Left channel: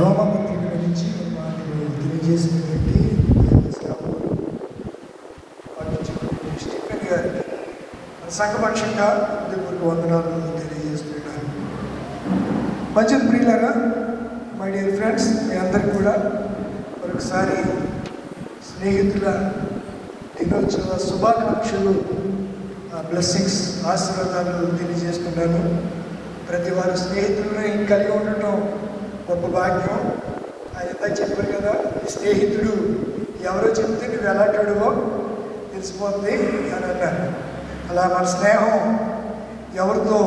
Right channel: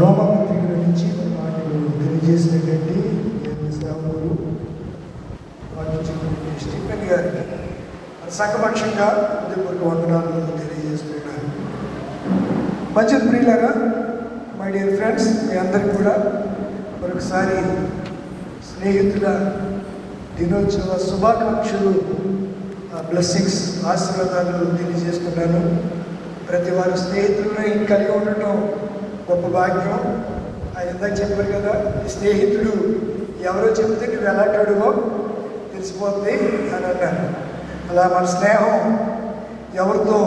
రోమపత్రిక నుంచి నాకు తెలియజేసినటువంటి సేవకులు స్టీఫెన్ గారు సంఘపక్షంగా వందనాలు తెలియజేసుకుంటున్నారు. మంచిది ప్రియులారా, మై డియర్ ఫ్రెండ్స్, మీ అందరూ కూడా ఒకసారి స్నేహితుల దినోత్సవ శుభాకాంక్షలు, బ్లెస్సింగ్స్, ఆశీర్వాదాలు తెలియజేసుకున్నాను. ప్రతి వారి స్నేహితులను కలిగి ఉండటం గొప్ప భాగ్యం. ఆయన చెప్పారు కదా, స్నేహితుడు ఎవరో చెప్తే నువ్వు ఎలాంటివో తెలిసిపోతుంది అని అన్నారు. అలా మన స్నేహం ఎవరితో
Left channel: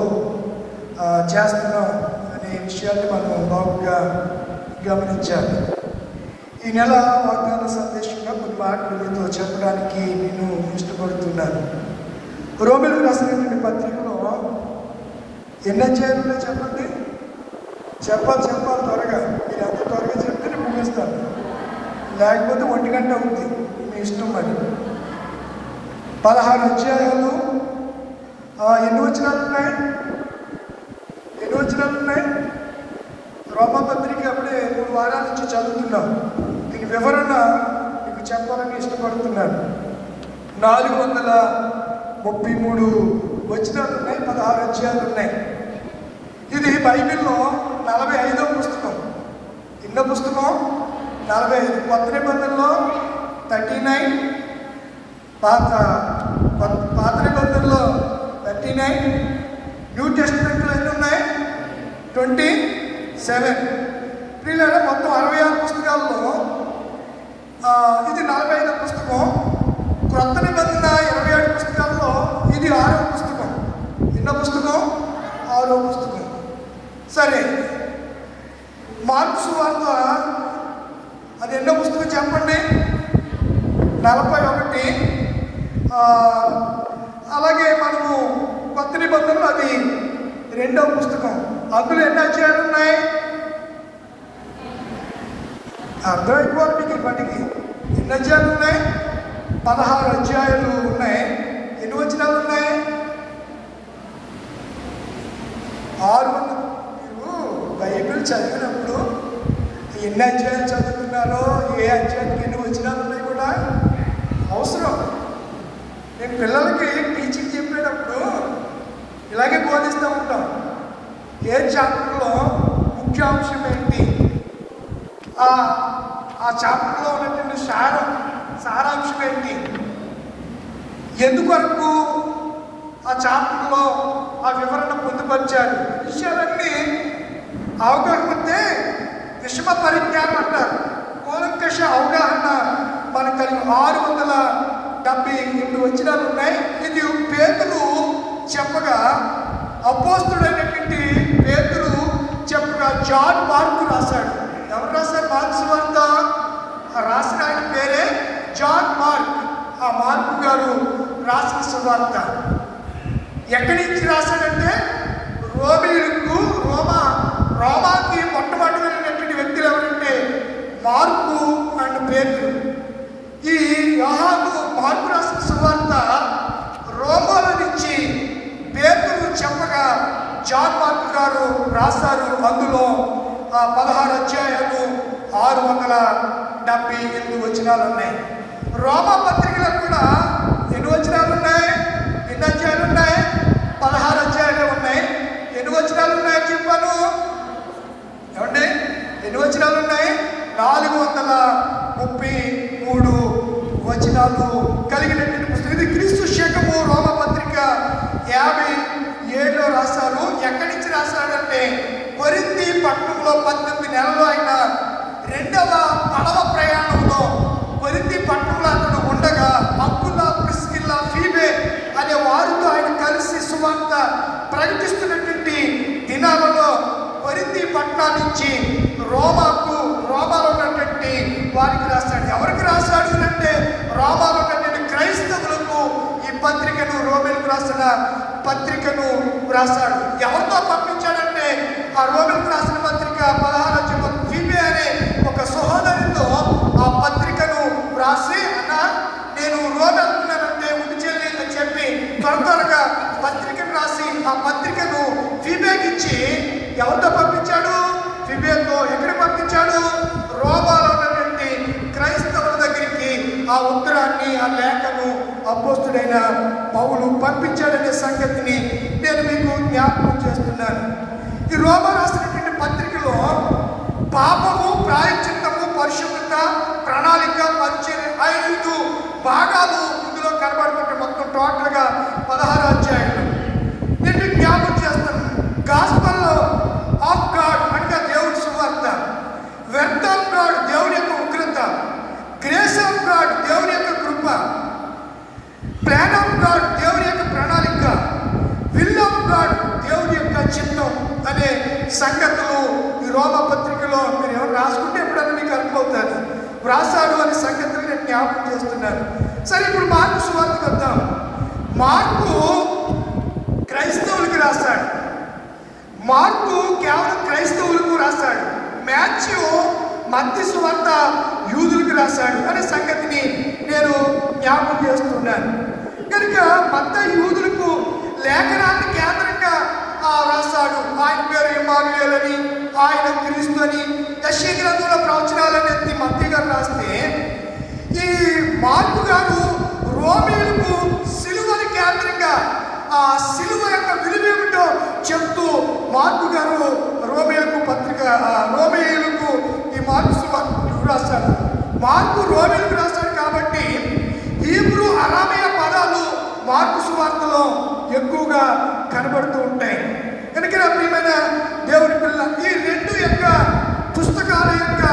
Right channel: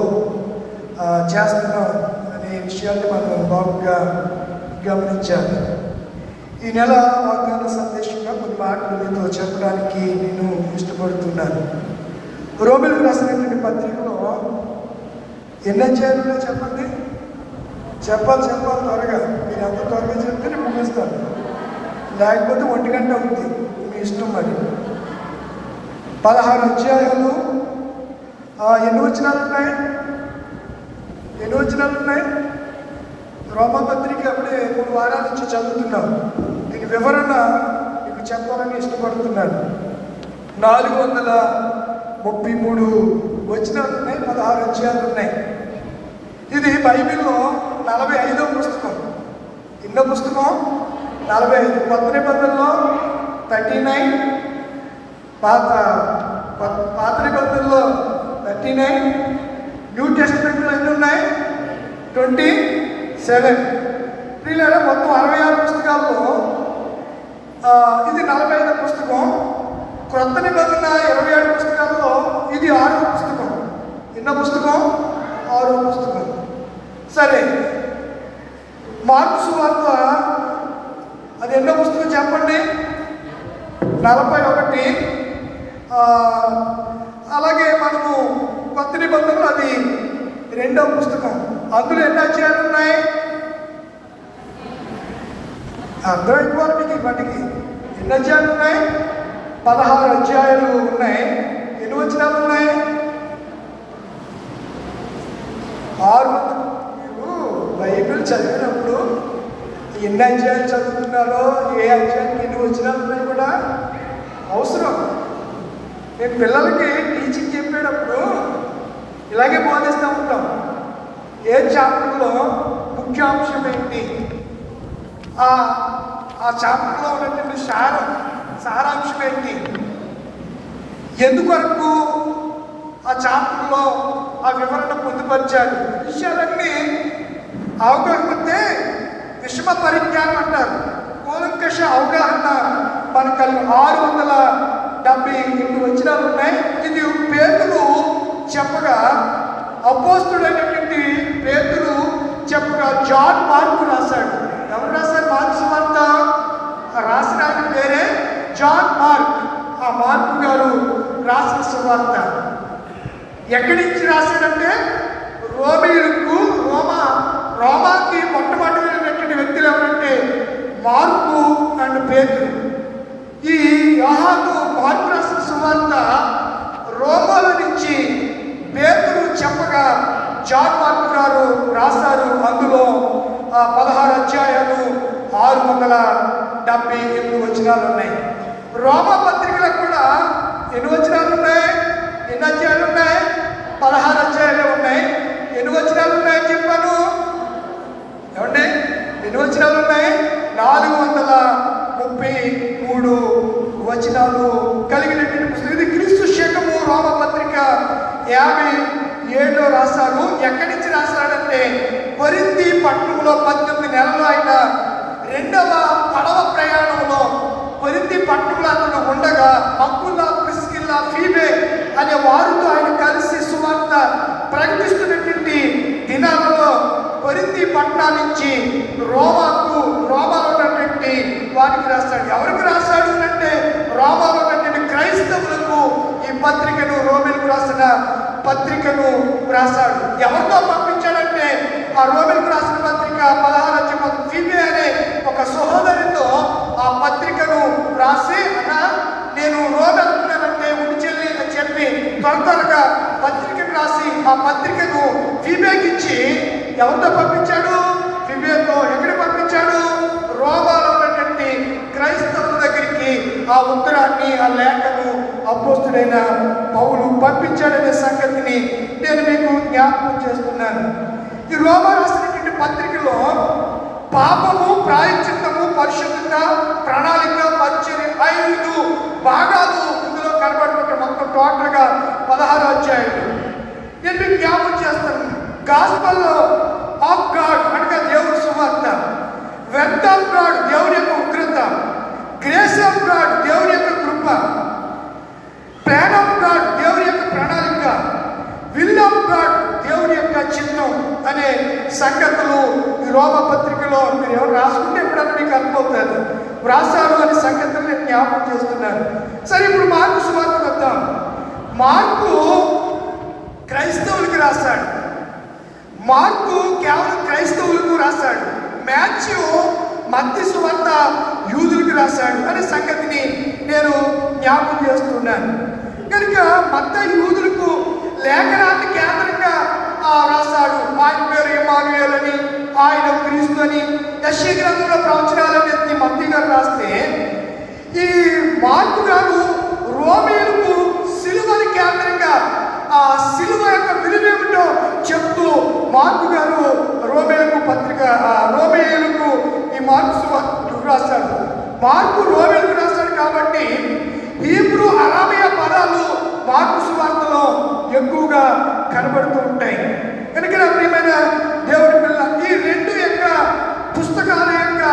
చేస్తున్నాం అనే విషయాలు మనం బాగుగా గమనించాలి. ఈ నెల వాగ్దాన సందేశంగా కొన్ని మాటలతో చెప్పడానికి నేను ఇష్టపడుతున్నాను. రోమిలకు రాసినటువంటి పత్రికలో ఎన్ని అధ్యాయాలు చెప్పండి? చెప్పాలి త్వరగా. మీరు ఎంత త్వరగా చెప్తే నేను ముగిస్తాను, లేకపోతే 1 గంట అవుతుంది. మీ ఇష్టం. మరి 16 అధ్యాయాలు. ఎన్ని వచనాలు ఉన్నాయి? రోమపత్రిక అప్పుడే 3 వారాల నుంచి చదువుతున్నాను. దీని వివరణ మీకు చెప్పాలని ఇష్టపడుతున్నాను. 433 వచనాలు ఉన్నాయి, 16 అధ్యాయాలు ఉన్నాయి. ఇది బైబిల్లో 45వ పుస్తకం. ఎన్నో పుస్తకం? 45. కొత్త నిబంధనలో 39, పాత నిబంధనలో 39, న్యూ టెస్టమెంట్లో ఎన్ని ఉన్నాయి? 27. వీళ్ళ మొత్తం 66 పుస్తకాల్లో ఇది 45వ పుస్తకం. క్రొత్త నిబంధన 27 పుస్తకాల్లో ఇది 6వ పుస్తకం. ఎన్నో పుస్తకం? 6వ పుస్తకం. సరే, మార్కు సువార్త అది ఎన్నో పుస్తకం చెప్పండి? 41. అలాగే మనము కొత్త నిబంధనలు అది 2వ పుస్తకం. అందులో ఎన్ని అధ్యాయాలు ఉన్నాయి? అర్థమైపోవాలి మీకు. ఇప్పటికి ఎన్ని అధ్యాయాలు ఉన్నాయి? 16 అధ్యాయాలు ఉన్నాయి. ఎన్ని వచనాలు ఉన్నాయి? 6. బైబిల్ చదివినప్పుడు ఎన్ని అధ్యాయాలు చదువుతున్నారో, ఏ అధ్యాయానికి ఎన్ని వచనాలు ఉన్నాయి కూడా అవసరం. నేను పిల్లలకి టీచింగ్ చెప్పేటప్పుడు ఇలాగే బోధిస్తూ ఉంటాం. ఏ చాప్టర్లో ముఖ్యాంశం ఏంటి, ఆ చాప్టర్లో ఉన్నటువంటి సారాంశం ఏంటి, ఎందువరకు ఆ చాప్టర్లో ఆ వివరణ పొందుపరిచారు, విషయాలన్నీ అవగాహనతే విషమ పరిజ్ఞానం అంటారు. కూలంకష అవగాహన మనకు కలిగి 678 వచనాలు ఉన్నాయి. ఇది పేతురు చెప్పగా, అపోస్తుడైనటువంటి పేతురు చెప్పగా జాన్ మార్కు రాశాడు. ఎవరు రాశారు? మార్కు సువార్త రాసిన ఆయన పేరే జాన్ మార్క్. ఆ మార్కు గారు రాసిన సువార్త ఎక్కడి నుంచి రాశాడంటే రోమాకి మొట్టమొదటి వ్యక్తులు ఎవరంటే మార్కు అండ్ పేతురు. ఈ యోహాను మార్కు రాసిన సువార్త రోమాల నుంచి పేతురు చెప్పగా జాన్ మార్కు గారు రాశారు. అందులో 16 అధ్యాయాలు 678 వచనాలు ఉన్నాయి. రోమా పత్రికలో కూడా ఎన్ని వచనాలు ఉన్నాయి? ఎన్ని అధ్యాయాలు ఉన్నాయి? 16 అధ్యాయాలు ఉన్నాయి. ఎన్ని వచనాలు ఉన్నాయని చెప్పాను? ఏమండి, ఎన్ని వచనాలు ఉన్నాయి? 433 వచనాలు కలిగినటువంటి పుస్తకం. ఇది క్రీస్తు శకము రోమా పత్రిక 57లో రాశారు. ఎక్కడి నుంచి రాశాడంటే కొరింథీ పట్టణంలో 18 నెలలు ఆయన 2వ పడవ ప్రయాణంలో కొరింథీ పట్టణంలో అక్కడ ఉండగా అకుల, ప్రిస్కిల్లా, ఫీబే అనే వారితో ఆయన కలిసి సువార్త ప్రకటిస్తున్నటువంటి దినాలలో కొరింథీ పట్టణం నుంచి రోమాలో ఉన్నటువంటి వారికి రాశాడు. ఎవరికి రాశాడు అంటే రోమాలో ఉన్నటువంటి క్రైస్తవులకు ఈ పత్రికను, రోమిలకు రాసిన పత్రికను రాశాడు. ఎవరితో పంపించాడంటే ఆ రోమిలకు రాసిన పత్రిక 16 అపోస్తుడైన పౌలు పంపించాడనే సంగతిని నేను మీకు జ్ఞాపకం చేస్తున్నాను. ఈ రోమా రాసినటువంటి పత్రికలో పాపము, ప్రాయశ్చిత్తము, పరిశుద్ధత, ప్రణాళిక, పరిచర్య 5 భాగాలు ఇందులో కనబడుతుంటే మొత్తం టోటల్గా 16 అధ్యాయాలు. నేను మీకు జ్ఞాపకం చేస్తాను. గాస్పల్లో ఆఫ్ గాడ్ అనగా దేవుడి సువార్త, వెర్త్ ఆఫ్ గాడ్ దేవుని యొక్క ఉగ్రత, గ్రేస్ ఆఫ్ గాడ్ దేవుని యొక్క కృప, ప్లాన్ ఆఫ్ గాడ్ దేవుని యొక్క ప్రణాళిక, విల్ ఆఫ్ గాడ్ దేవుని యొక్క చిత్తం అనే సంగతులు ఈ రోమ పత్రికలో మీరు ఎవరు రాసుకుంటే ఎప్పుడన్నా మీకు అర్థమవుతారు. వ్రాసారు అనే సంగతులు నేను జ్ఞాపకం చేస్తున్నాను. సరే, ఇప్పుడు మార్కు సువార్తకు వద్దాం. మార్కు క్రైస్తవులకు రాశాడు. మార్కు కేవలం క్రైస్తవులకు రాశాడు. మాథ్యూ మత్తయి సువార్త యూదులకు రాశాడు అనే సంగతిని నేను జ్ఞాపకం చేస్తున్నాను. కనుక మత్తయి యూదులకు లేఖనాన్ని కేంద్రంగా రాశాడు. ఆయన పేరు ఇమ్మానుయేల్ అని, ఆయన క్రీస్తు అని, యెషయా గ్రంథంలో ప్రవచనాలని ఎత్తి మత్తయి గారు రాస్తే, ఈ మార్కు గారు రోమీయులకు సిలువని కేంద్రంగా ఆ సిలువ యొక్క విలువేమిటో చెప్తూ మార్కు గారు రోమేయులకు ఈ మార్కు రాశాడు. మార్కు రోమేయులకు రాశాడు కాబట్టి హీబ్రూ, అరామీయ పదాలు మార్కు సువార్తలో ఎక్కువగా కనబడుతూ ఉంటాయి. కనుక నా ప్రియమైన దేవుడి పిల్ల, ఈ 2 యొక్క పుస్తకాల యొక్క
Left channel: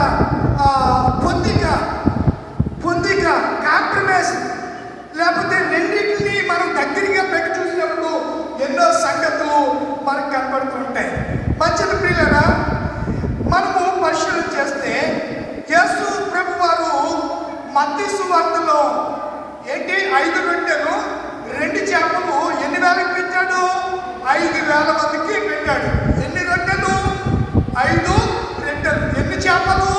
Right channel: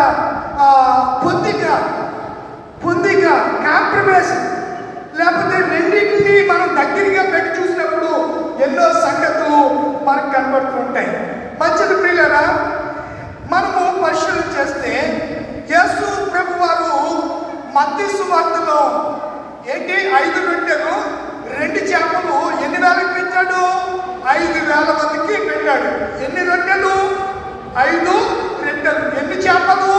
పొందిక కాంప్రమైజ్, లేకపోతే రెండింటినీ మనం దగ్గరగా పెట్టి చూసినప్పుడు ఎన్నో సంగతులు మనకు కనబడుతూ ఉంటాయి. మంచిది ప్రియులారా, మనము పరిశీలన చేస్తే యేసు ప్రభు వారు మత్తయి సువార్తలో ఏంటి 5 రొట్టెలు 2 చేపలు ఎన్ని వేలకు పెట్టాడు? 5,000 మందికి పెట్టాడు. ఎన్ని రొట్టెలు? 5 రొట్టెలు. ఎన్ని చేపలు?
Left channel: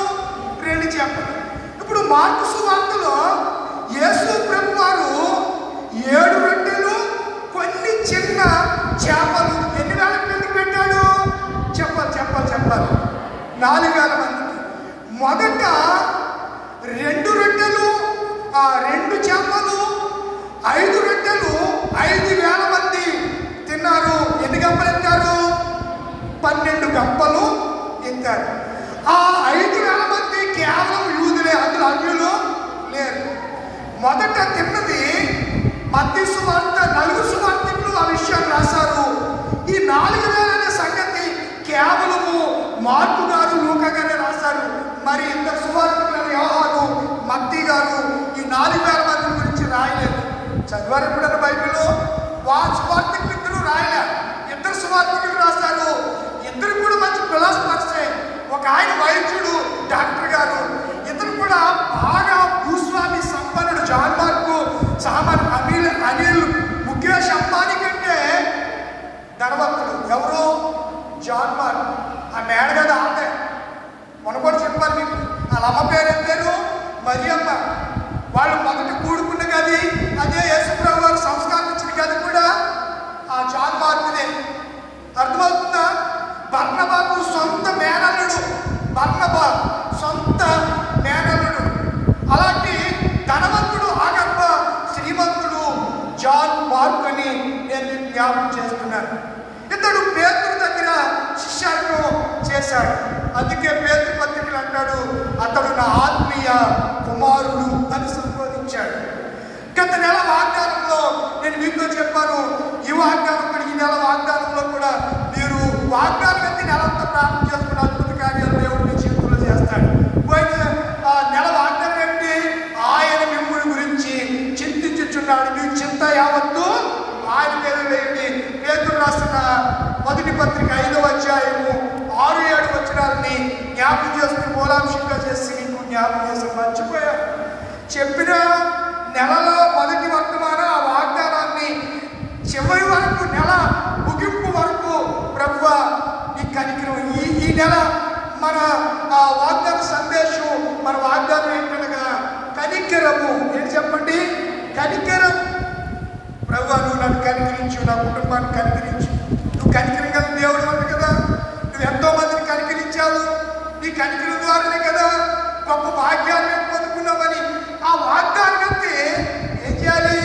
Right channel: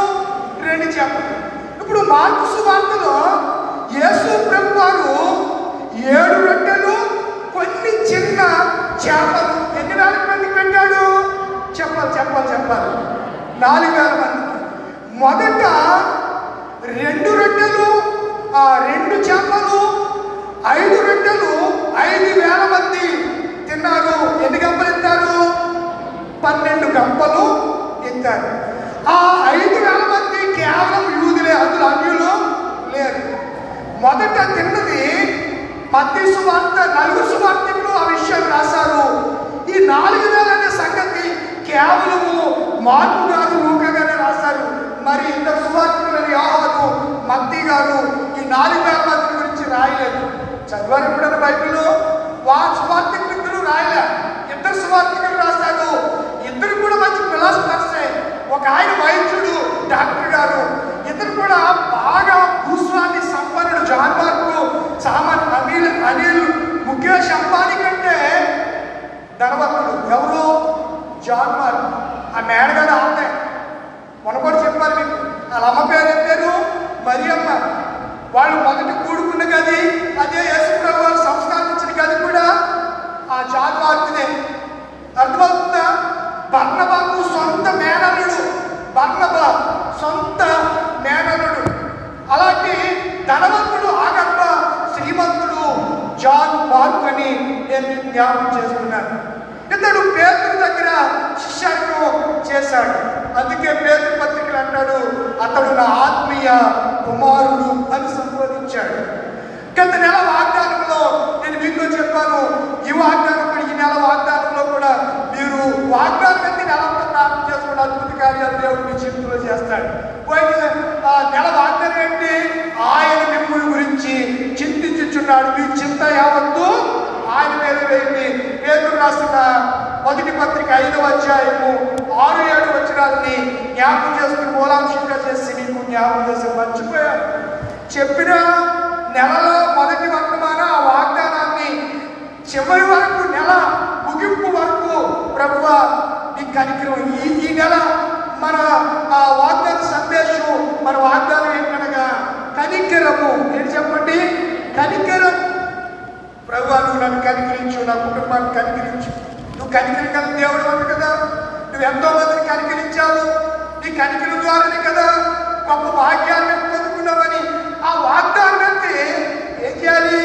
2 చేపలు. ఇప్పుడు మార్కు సువార్తలో యేసు ప్రభు వారు 7 రొట్టెలు కొన్ని చిన్న చేపలు ఎన్ని వేల మందికి పెట్టాడు? చెప్పాలి 4,000 మందికి. మొదట 2 రొట్టెలు 2 చేపలు 5 రొట్టెలు 5,000 మంది తిన్నారు. ఎన్ని గంపలు ఎత్తారు? 12 గంపలు ఎత్తారు. ఆ 5,000 మంది కేవలం యూదులే, అందులో అన్యులు లేరు. మొదట తిన్నది మత్తయి సువార్త, 4 సువార్తకులు ఆ విషయం రాశారు. ఈ 4,000 అనే సంగతి కేవలము మార్కు గారు, లూకా గారు రాశారు. మరి ఇంత సువార్తకులు యోహాను, మత్తయి గారు ఈ 4,000 మంది గురించి రాయలేదు. చదివారు కూడా బైబిల్లో సువార్తకులు రాయలే. 2 సువార్తకులు రాశారు. 2 కూడా మంచి ఫిలాసఫర్సే. ఒక ఆయన వైద్యుడు, డాక్టర్ గారు. ఇతను కూడా బాగా భూస్వామి సంపన్నుడు. జాన్ మార్కు సామాన్య అనిల్ ముఖేష్ అంబానీ కంటే ధనవంతుడు. ఎవరు? John Mark. ఆ మేడగడ అంతే. మొన్న కూడా చెప్పాను మీకు. వాళ్ళ అమ్మ పేరు ఏం పేరు? మరియమ్మ. వాళ్ళు మొదట కూడుకున్న గది అదే యేసుప్రభు వారు సంస్కారం ఇచ్చిన గది కూడా ఆ జాన్ మార్కునే. అర్థమవుతుందా? బర్నబాకు సొంత మేనల్లుడు. బర్నబా సొంత మేనల్లుడు. అలాంటి ధనవంతుడు, ఆగర్భ శ్రీమంతుడు జాన్ మార్క్ అని నేను జ్ఞాపకం చేస్తున్నాను. ఇతడు పేతురు దగ్గర శిష్యత్వం చేశాడు. అందుకే పేతురు పత్రికలు అంటాడు, అతడు నా ఆత్మీయ కుమారుడు అని సంబోధించాడు. గత నెల వాగ్దానంలో నేను మీతో చెప్పాను. ఈ వాగ్దానం కూడా, ఈ నెల వాగ్దానంలో కూడా మీరు వాగ్దానం అయితే నెలంతా ప్రార్థన చేసుకున్న అద్భుత కార్యాలు దేవుడు మీ జీవితంలో చేస్తాడు. పోయిన నెల వాగ్దానం ఏంటి? ఆయన మిమ్మల్ని గురించి చింతించుచున్నాడు. మీ చింత యావత్తు ఆయన మీద వేయండి. పేతురు రాసిన మొదటి పత్రిక 5వ అధ్యాయము 6-7 వచనాలని జ్ఞాపకం చేసుకుని మూలాంశంగా చేసి మీకు జ్ఞాపకం చేసి మర్చిపోయారు. చెప్పిన నెలలో మొదటి వర్తమాన ఆ వాగ్దానాన్ని చివరి వరకు, నెల ముగింపు వరకు ప్రభువా నీ కనికరం. ఈ నెల మన వాగ్దాన సందేశం, మన వాగ్దానం ఏంటనగా కనికరము. నేను చెప్పండి, కనికరం. ప్రభువా నువ్వు నన్ను కనికరించు, నా కుటుంబాన్ని కనికరించు. నువ్వు కనికరించగల దేవుడు ఉంది కదా. నువ్వు ఎంతో మందిని కనికరించావు. నీ కనికరి ద్వారానే కదా గొప్ప భాగ్యాన్ని పొందుకున్నావని ఆ వాగ్దానం అంటే ఏం చేయాలి?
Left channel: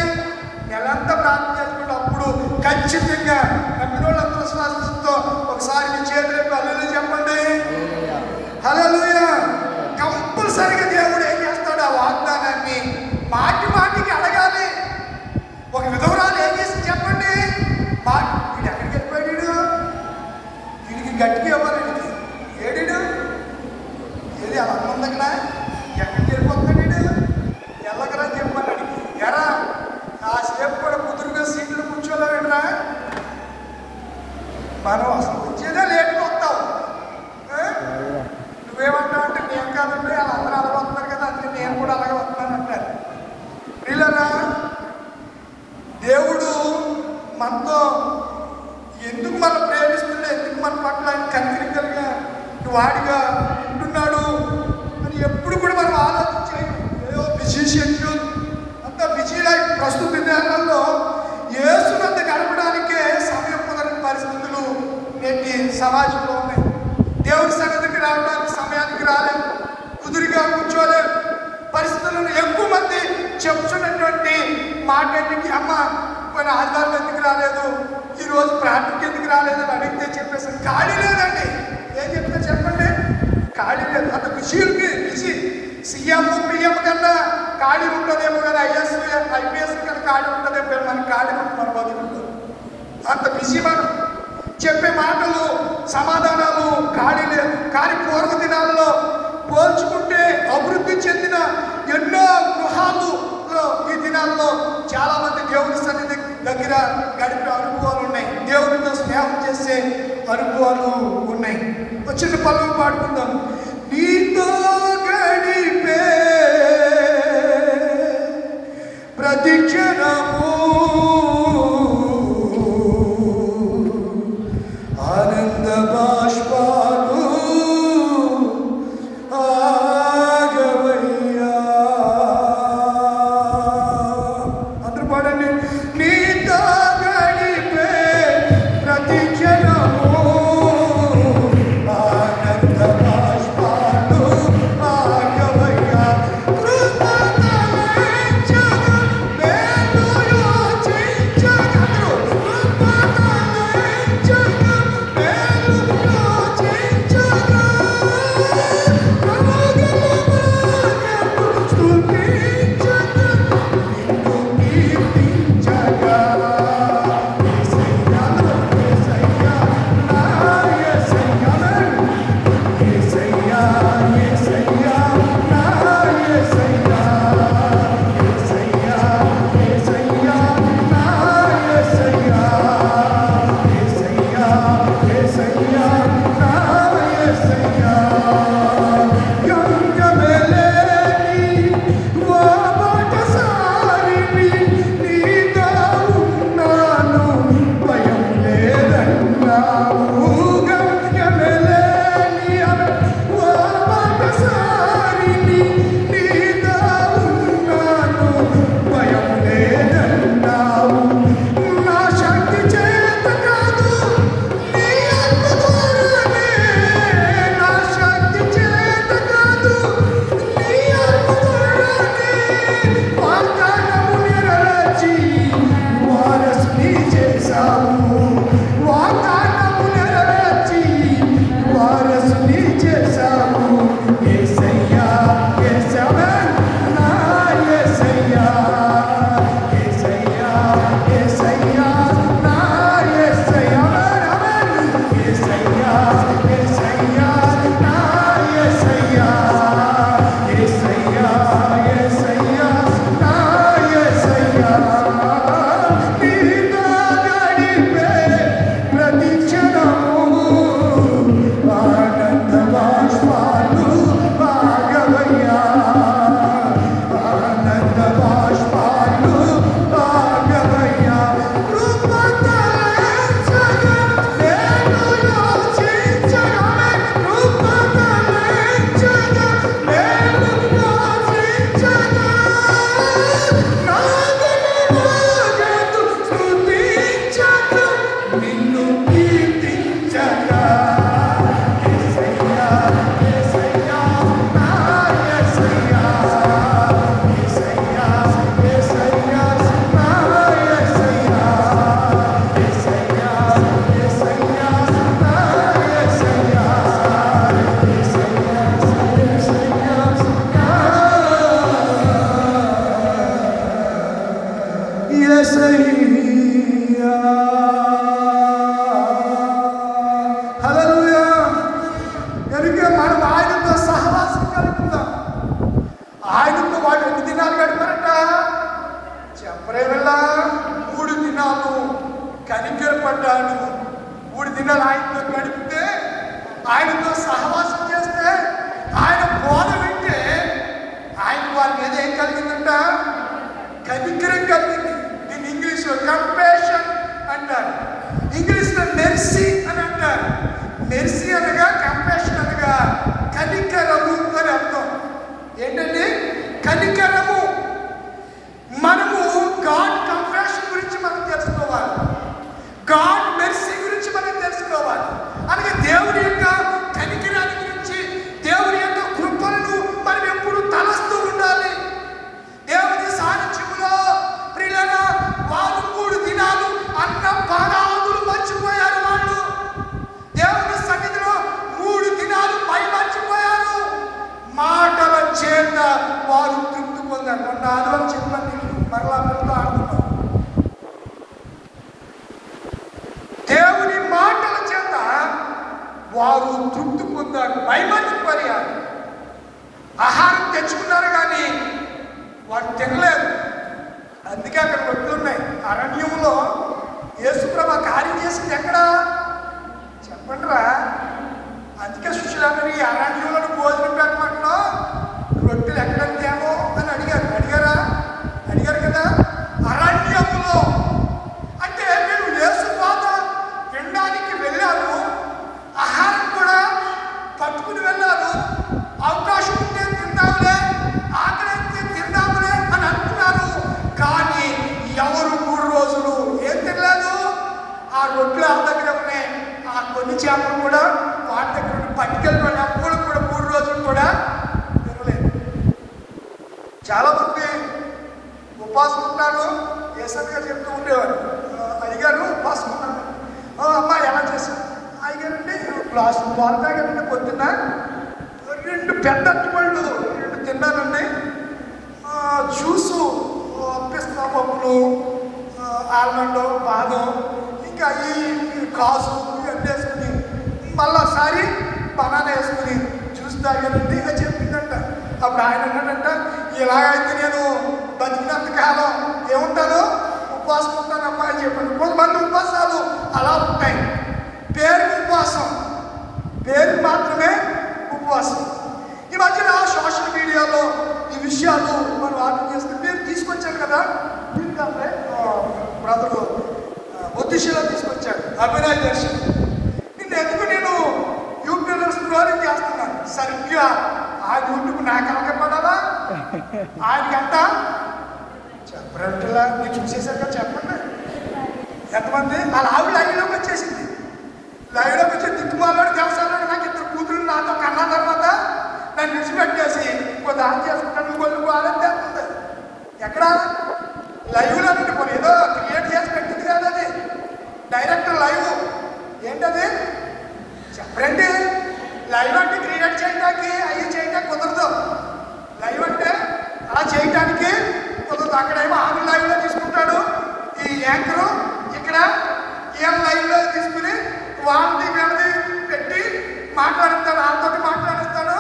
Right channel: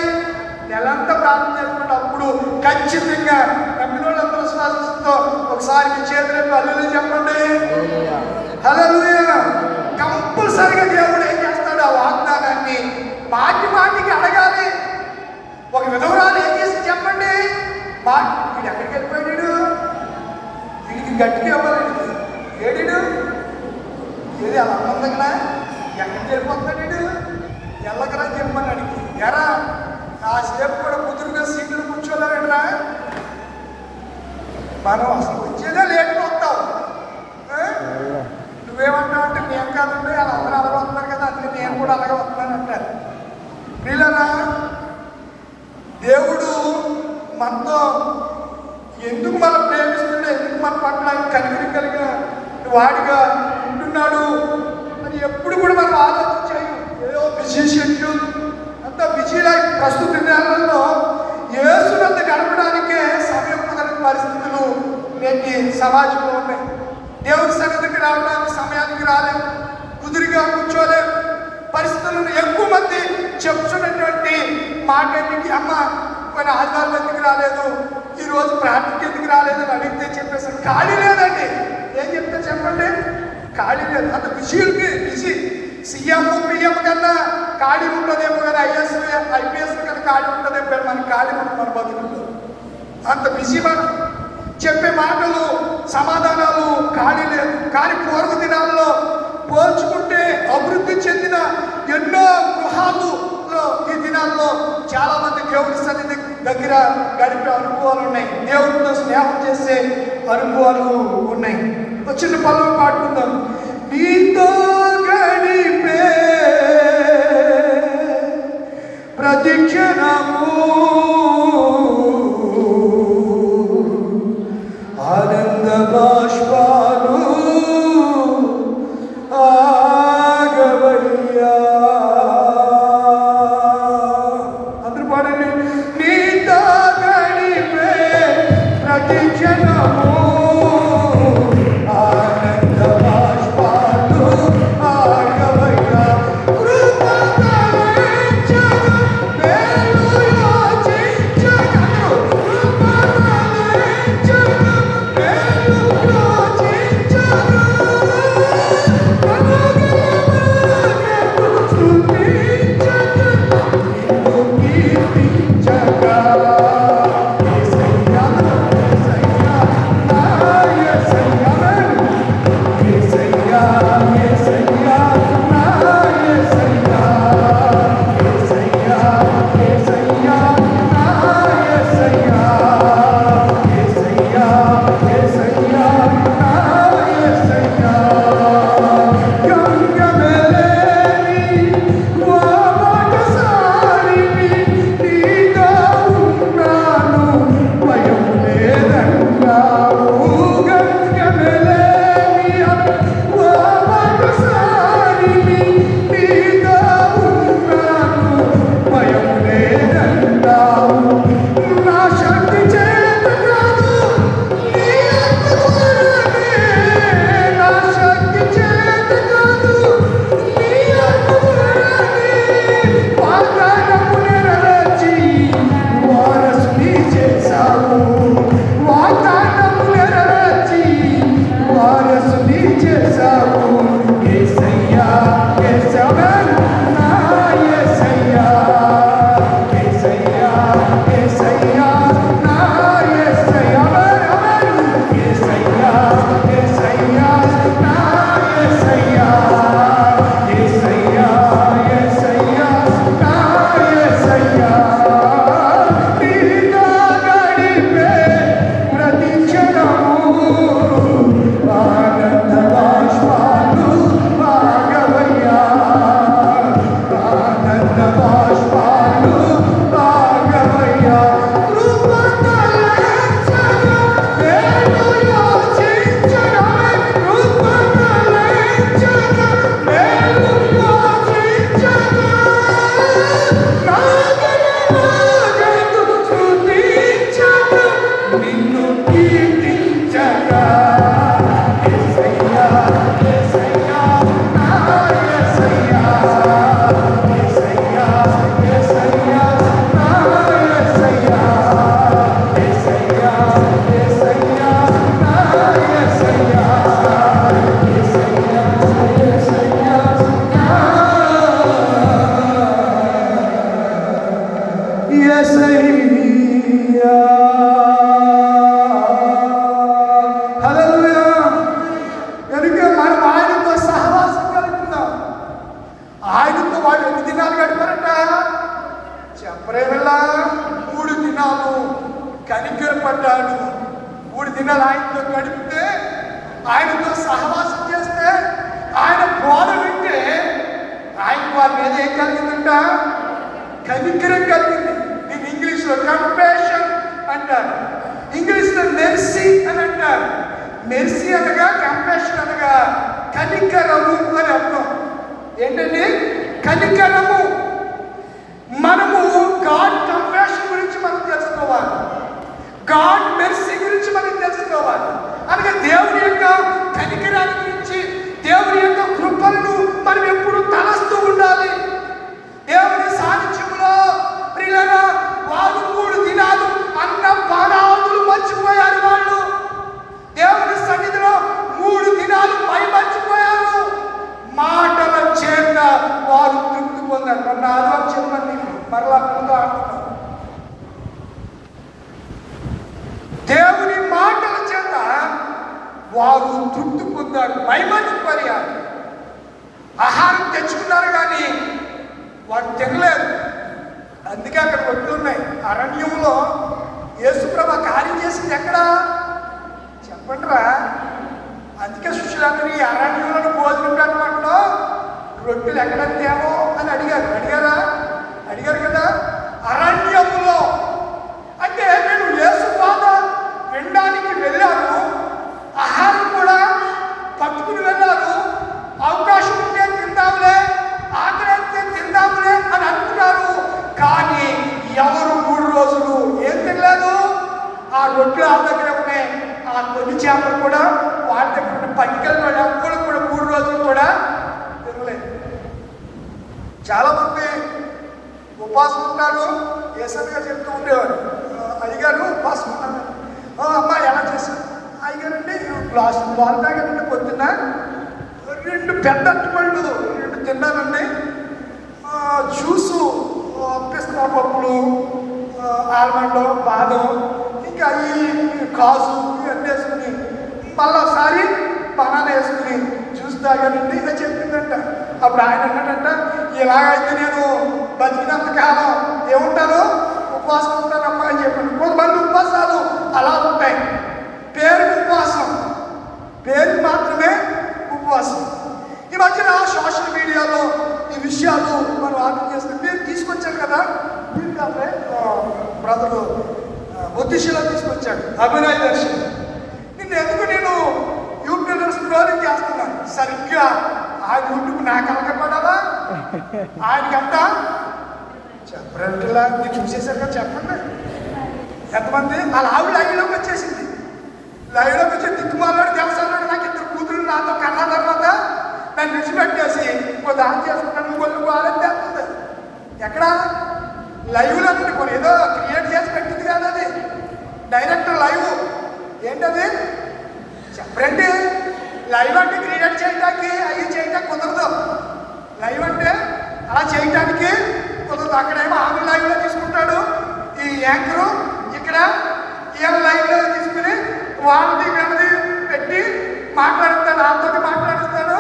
ఏడిడు ఏది అలా ఉందగడా ఎక్కడికి వెళ్ళిపోతున్నాడు ఎల్లగరా చెప్పమని అడిగి ఎరా ఆ స్టెప్ కూడా కుదురుగా సీట్లు కూర్చోలేరా మనం అసలు వచ్చేదే లేట్గా వస్తాం. నువ్వేమంటావంటే నేను కాదండి అలా అందరూ అలాగే వస్తున్నాను కదా అంటే నేను కూడా అలాగే వస్తున్నాను అంటారు. వీళ్ళరా దేవుడు మనతో ఎందుకు మనం ప్రేమిస్తున్నా, ఎందుకు మన పట్ల కనికరం కలిగిన వాడిగా ఉంటున్నాడు అని ఎప్పుడు కూడా మనం ఆలోచన చేయం. ఏదో బిజీ షెడ్యూల్ అంత బిజీ లైఫ్ ప్రస్తుత దినాలలో యేసునంత గడపడానికే సమయం కుదరని పరిస్థితులు నేటి సమాజంలో ఉన్నాయి. దేవుడి సన్నిధికి రావడానికి సమయానికి రాలేదు, కుదురుగా కూర్చోలేదు. పరిస్థితులను ఎక్కువ మంది చెప్తున్నటువంటి మాట ఏంటి, అమ్మ కొన్ని ఆదివారం ఎందుకు రాలేదు, ఈరోజు ప్రార్థనకి ఎందుకు రాలేదు అని అడిగితే చెప్పేసారు ఖాళీ లేదండి. ఏం చెప్తే చెప్పండి, ఖాళీ లేదు. అంత బిజీలకి బిజీ సీఎం పిఎం కన్నా ఖాళీ ఉంటుందేమో కదా, ఐపీఎస్ కన్నా ఖాళీ ఉంటుందేమో, మనకి ఖాళీ ఉంటున్నారు బతుకులు. అంత బిజీ మనం చెప్పే మాటలు సమాధానాలు ఖాళీ లేదు. కానీ పూర్వ దినాల్లో పోల్చుకుంటే అభివృద్ధి చెందిన ఎన్నో గృహాలలో ఈ దినాల్లో చాలా మంది దేవుడి సన్నిధి దగ్గర గడిపే అనుభవాలు ఉన్నాయి, దేవుడితో స్నేహం చేసే అనుభవాలు ఉన్నాయి. చిన్న పనులు పాడుకుందాం. నీతో గడిపే ప్రతి క్షణము ఆనంద బాష్పాలు ఆగవయ్యా. అందరూ పాడండి. నీతో గడిపే ప్రతి క్షణము ఆనంద బాష్పాలు ఆగవయ్యా. Bye. సహవాసం చేస్తే, ఆయన బోధ వింటే ఆయన వారి మీద ఏం కలిగిందంట? కనికరం కలిగింది. దీన్ని ఇంగ్లీష్లో కంపాషన్ అంటారు, ఇంగ్లీష్లో మెర్సీ అని అంటారు. మెర్సీ అనగా కంపాషన్ అనగా కనికరము అని అర్థం. ఏంటండి కనికరము? మనము గాడ్ కంపాషన్ గురించి మనం తెలుసుకోవాలి, గాడ్ మెర్సీ గురించి మనం తెలుసుకోవాలి. అనగా దేవుని యొక్క కనికరాన్ని గురించి, దేవుని యొక్క కృపలను మనం ఎప్పుడు తలస్తూ ఉండాలి. దేవుని సాన్నిధ్యంలో ప్రియులారా వారు 3 దినాలు అన్న పానాదులు మర్చిపోయారు. వాళ్ళు దేవుని సన్నిధిలో 3 దినాలు మర్చిపోయారు. మాటల చేత వారు తృప్తి పొందారు. మొన్న ఆదివారం చెప్పండి, మరలా పిల్లతో ఆడుతున్నారు. దేవుని మాటల చేత వారు తృప్తి పొందారు, మైమర్చిపోయారు. ఆహారం తెచ్చుకున్నారు కానీ వారు తినలేదు. అందుకే అక్కడ రొట్టెలు ఉన్నాయి. అరణ్యంలో యేసుప్రభు కార్యం చేసింది ఎక్కడ చెప్పండిరా? అందుకే శిష్యులందరూ ఈ అరణ్యంలో భోజనం పెట్టమంటూ రొట్టెలు ఎక్కడ తేమో అని అడిగారు కదా. అరణ్యంలో అంటే నేను యేసు బాధ వినడానికి వెళ్ళాను, ఆహారం కూడా పట్టుకుని వెళ్ళాను. అవకాశం ఉంటే తిందాంలే, ఆకలి అయితే తిందాంలే అని అనుకున్నారు. కానీ ఎవరు 3 రోజులు ఏం తినలేదు. ఆ రొట్టెలు ఆ దగ్గర ఉన్నాయి, ఆ కొన్ని చేపలు కూడా వాటి దగ్గర పట్టుకెళ్ళి ఎప్పుడు కూడా 3 రోజులు కూడా తినలేదు. చాలా మంది ఉపవాసం ఉన్నారు. ఏసంగా చెప్తూ ఉండేవారు. అడిగారు ఉపవాసం ఉన్నారు, అమ్మ ఎలా చేశారు? అడిగారండి గ్లాసు పాలు తాగారండి, పొద్దున్న 2 పెద్ద అట్టుపళ్ళు 2 తిన్నానండి. జ్యూసు పిస్తా పప్పులు, ఆల్మండ్, బాదం, ఇంకా ఈ కాజు ఇవన్నీ వేసుకుని మళ్ళీ ఒకసారి బనానా వేసుకుని జ్యూస్ తాగానండి అని చెప్పిందంట. అప్పుడు ఆయన అన్నాడంట, ఇలాగైతే నేను బతికినంత కాలం ఏముంటాను, ఉపవాసం ఉంటానమ్మా అని చెప్పాను. కొంతమంది ఉపవాసాలు అలా ఉంటాయి, పేరుకి ఉపవాసం, పేరు మాత్రమే ఉపవాసం. ఈ మధ్యన సోషల్ మీడియాలో ఈ విషయాలు మనం ఆర్డర్ చేస్తే మీరు తీసుకొచ్చారు కదా, మీరు కాదు బ్రదరు ఒత్తిశీలో తీసుకొచ్చాడు అభినయ్ దర్శన్. ఎందుకు నేను యూట్యూబ్ స్క్రోలింగ్ చేస్తున్నాను, సరిగ్గా ఆ యూట్యూబ్ నాకు అంకపడాలా, ఆయనకంట చెప్పరంటిలా మీరు చూసేసాక చెప్పండి. ఎంతమంది వాళ్ళ ఆవిడ లైవ్లోకి వచ్చేసింది, లైవ్లోకి వచ్చి దిక్కుమాలాడు చేస్తాను. నాకు 2 కూతురు నాతో కన్నా తర్వాత నన్ను విడిచిపెట్టేసి ఇంకో దాని చేస్తున్నాను, కొన్ని వాళ్ళంటే ఎక్కడ లైవ్లో కొన్ని ఏదో క్రియేట్ చేసి పెట్టింది కదా, అది డైరెక్ట్ లైవ్. ఏంటది చెప్పండి? లైవ్ అంటే క్రియేట్ చేయడానికి అది చేయడానికి కుదరదు. లైవ్ అంటే అలా చేయడానికి కుదరదు. అక్కడేమో ఆన్ లైవ్లో తీసుకుంటాడు ఈ యాంకరు, ఇక్కడ ఏం లైవ్లో తీసుకుని వాళ్ళని పెట్టి మాట్లాడుతాడు, వాళ్ళతో మాట్లాడుతాడు,